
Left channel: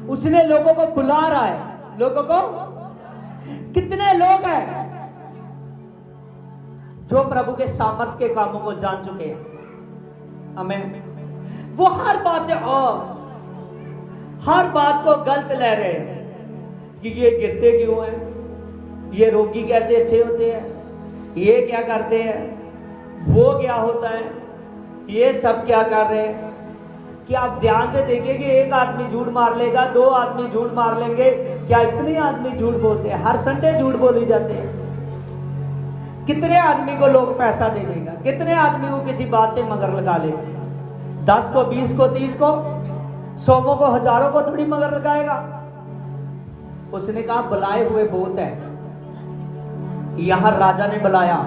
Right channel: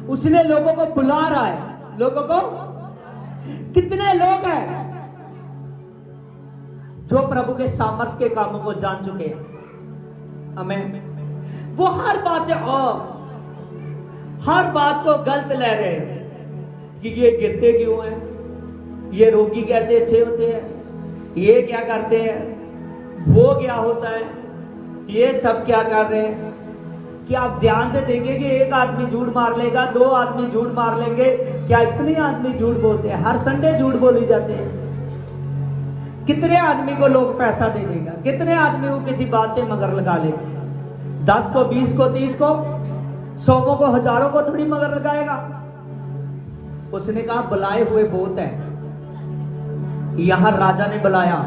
उसने लोगों को बुला रहा है। लोगों को कितने लोग हैं जो प्रभु के सामर्थ के कामों को जान चुके हैं। हमें वो हर बात से हर बात को गलत ले रहे हैं कि ये गिरते क्यों हैं, ये रोगी कैसे अच्छे होते हैं, ये क्या करते हैं, वो क्या होता है, ये सब क्या कर रहे हैं। कि आप ध्यान से देखेंगे कि एक आदमी झूठ मार लेगा, दो आदमी झूठ मार लेंगे, क्या इतने आदमी झूठ बोलते हैं। हर संडे झूठ बोली जाते हैं। कितने आदमी को लोग पैसा दे देगा, कितने आदमी को किसी बात से मगर लगा लेगा। 10 को, 20 को, 30 को, 100 को, हजारों को थोड़ी मगर लगाएगा। उसने कहा बुलाए हुए बहुत है। यहां राजा ने बुलाया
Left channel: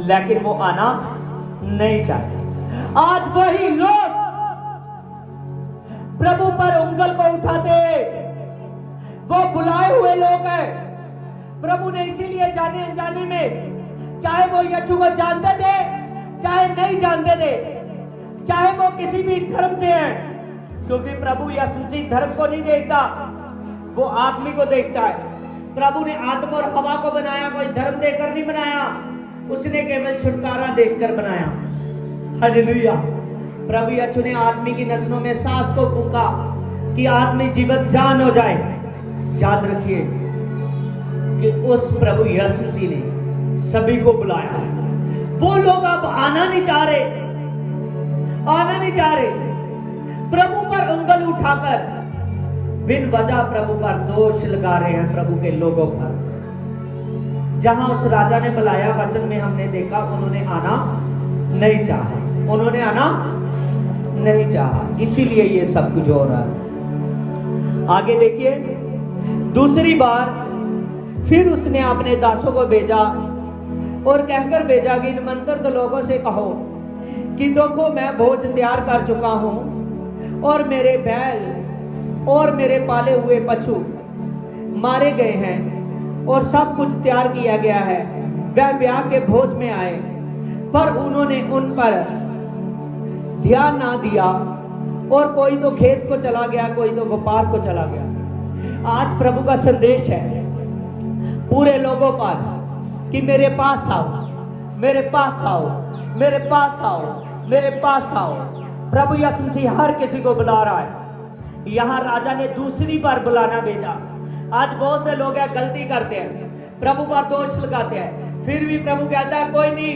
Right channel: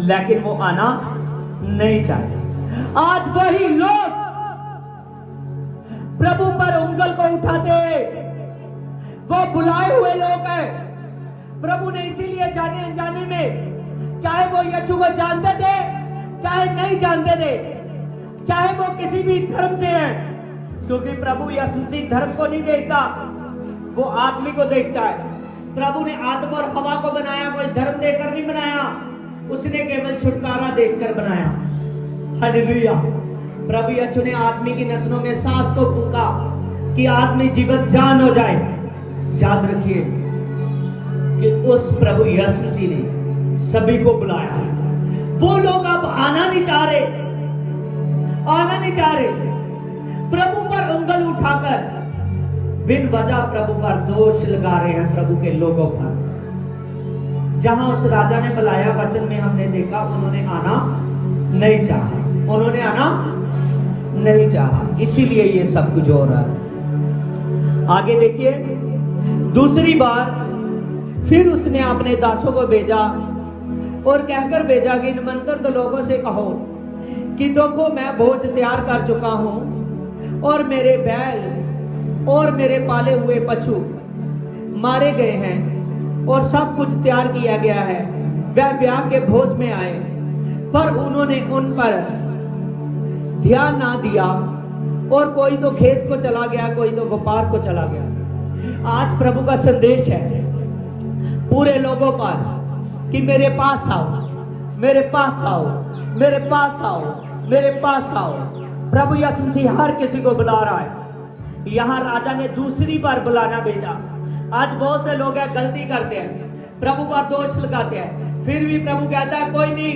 लेकिन वो आना नहीं चाहते। आज वही लोग प्रभु पर उंगल को उठाते, वो बुलाए हुए लोग हैं। प्रभु ने इसीलिए जाने अनजाने में, चाहे वो यीशु को जानते थे चाहे नहीं जानते थे, चाहे वो किसी भी धर्म से है, क्योंकि प्रभु यीशु मसीह धर्म को नहीं देखता, वो आदमी को देखता है। प्रभु ने आदम और हवा को बनाया, कोई धर्म देकर नहीं बनाया, उसने केवल छुटकारा देकर बनाया। हालेलुया। प्रभु यीशु ने आदमी की नस्लों में सांस को फूंका कि आदमी जीवित जान हो जाए। याद रखिए कि उस प्रभु यीशु मसीह ने सभी को बुलाया है। वो लोग अब आना नहीं चाह रहे, आना नहीं चाह रहे। प्रभु पर उंगल उठाकर बिन वजह प्रभु पर दोष लगा रहे हैं, प्रभु के लोगों पर। जहां उस राजा ने बुलाया, वचन में हमने देखा उन्होंने आना नहीं चाहा, उन्होंने आना नहीं चाहा, इसीलिए ये सब कुछ हो रहा है। आगे देखिए, दूसरी बार फिर उसने अपने दासों को भेजा और कहकर भेजा कि निमंत्रित लोगों से कहो कि देखो मैं भोज तैयार कर चुका हूं और मेरे बैल और मेरे पाले हुए पशु मारे गए हैं और सब कुछ तैयार किया गया है। वह ब्याह के भोज में आए, पर उन्होंने उन पर ध्यान ना दिया और कोई तो खेत को चला गया, कोई तो व्यापार को चला गया। आज प्रभु का संदेश है पूरे लोगों पर कि मेरे पास आओ, मेरे पास आओ, मेरे पास आओ, मेरे पास आओ। प्रभु यीशु मसीह हर किसी को बुला रहा है। यहां राजा ने दूसरी बार बुलाना भेजा। आज बहुत से लोग हैं गलती करते हैं, प्रभु पर दोष लगाते हैं, फिर भी प्रभु कहता है कोई नहीं,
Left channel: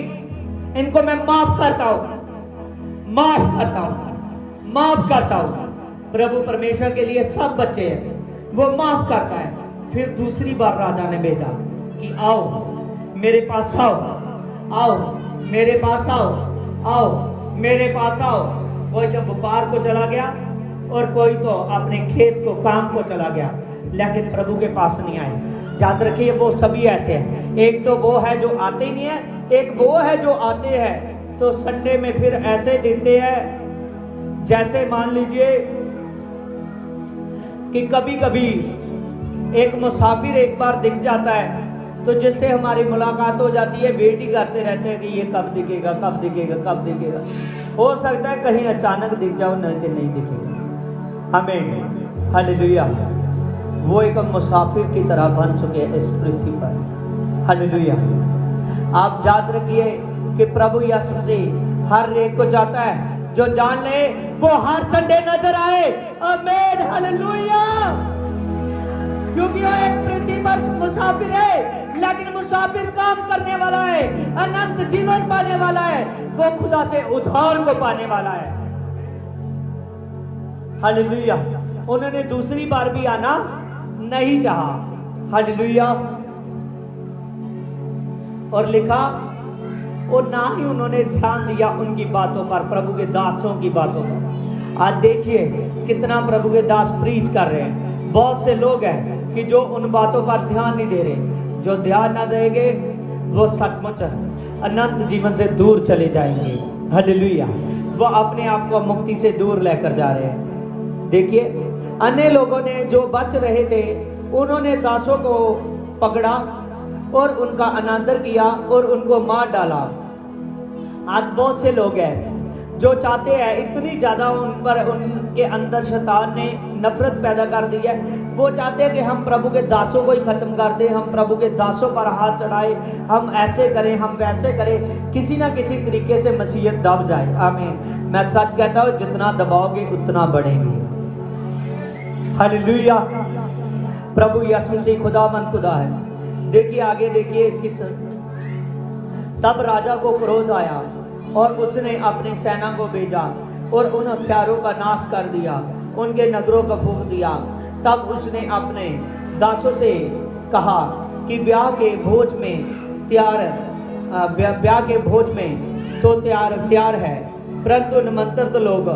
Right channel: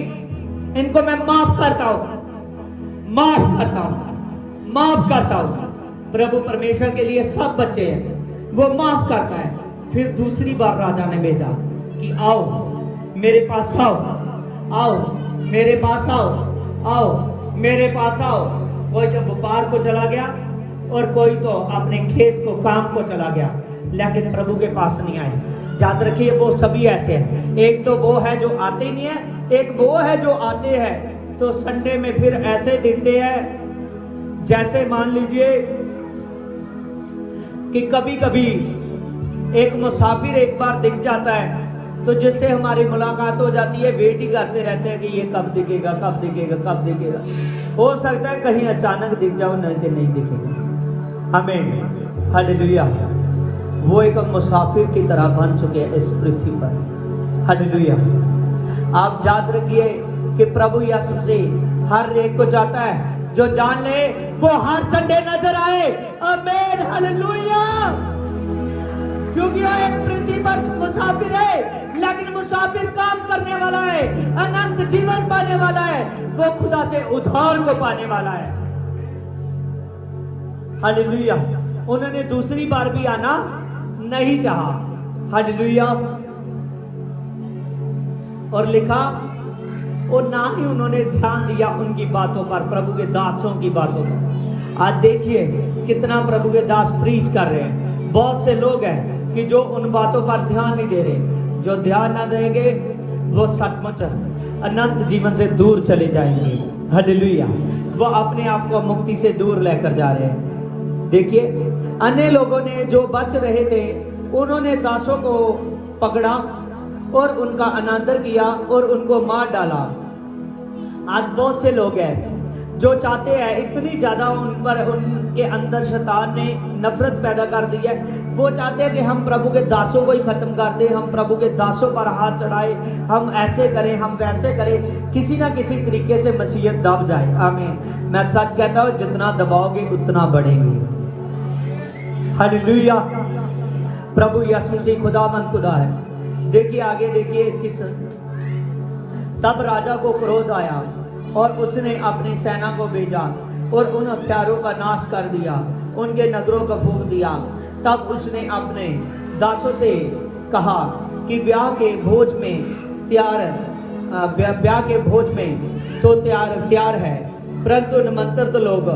इनको मैं माफ करता हूं, माफ करता हूं, माफ करता हूं। प्रभु परमेश्वर के लिए सब बच्चे हैं, वो माफ करता है। फिर दूसरी बार राजा ने भेजा कि आओ मेरे पास आओ, आओ मेरे पास आओ, आओ मेरे पास आओ। कोई तो व्यापार को चला गया और कोई तो अपने खेत को, काम को चला गया, लेकिन प्रभु के पास नहीं आए। याद रखिए वो सभी ऐसे हैं। एक तो वो है जो आते नहीं है, एक वो है जो आते हैं तो संडे में फिर ऐसे दिखते हैं जैसे मान लीजिए कि कभी कभी एक मुसाफिर एक बार दिख जाता है तो जिससे हमारी मुलाकात हो जाती है, वेट ही करते रहते हैं कि ये कब दिखेगा, कब दिखेगा, कब दिखेगा। हो सकता है कहीं अचानक दिख जाओ, नहीं तो नहीं दिखेगा। हमें हालेलुया, वो एक मुसाफिर की तरह बन चुके हैं इस पृथ्वी पर। हालेलुया। आप याद रखिए कि प्रभु यीशु मसीह हर एक को चाहता है जो जान ले वो हर संडे नजर आए। आमीन, हालेलुया। क्योंकि एक पृथ्वी पर मुसाफिर है, लेकिन मुसाफिर काम करने वाला है, अनंत जीवन पाने वाला है, वो खुदा से उद्धार को पाने वाला है। हालेलुया। उन्होंने दूसरी बार भी आना नहीं चाहा। हालेलुया। और लिखा, और ना ही उन्होंने ध्यान दिया उनकी बातों पर, प्रभु के दासों की बातों पर। आज देखिए कितना प्रभु के दास प्रीच कर रहे हैं। बहुत से लोग हैं कि जो उन बातों पर ध्यान नहीं दे रहे। जो ध्यान ना देंगे वो सचमुच अनंत जीवन से दूर चले जाएंगे। हालेलुया। वो अपने आप को मुक्ति से दूर लेकर जा रहे हैं। देखिए, अन्य लोगों ने जो बच रहे थे उन्होंने दासों को पकड़ा और उनका अनादर किया और उनको मार डाला। आज बहुत से लोग हैं जो चाहते हैं, इतनी ज्यादा उन पर उनके अंदर शैतान ने नफरत पैदा कर दी है, वो चाहते हैं कि हम प्रभु के दासों को ही खत्म कर दें, हम प्रभु के दासों पर हाथ चढ़ाए, हम ऐसे करें, हम वैसे करें, किसी ना किसी तरीके से मसीहत दब जाए। आमीन। मैं सच कहता हूं, जितना दबाओगे उतना बढ़ेंगे। हालेलुया। प्रभु यीशु मसीह खुदा है। देखिए आगे, देखिए इसकी तब राजा को क्रोध आया और उसने अपनी सेना को भेजा और उन हथियारों का नाश कर दिया, उनके नगरों को फूंक दिया। तब उसने अपने दासों से कहा कि ब्याह के भोज में तो तैयार है, परंतु निमंत्रित लोग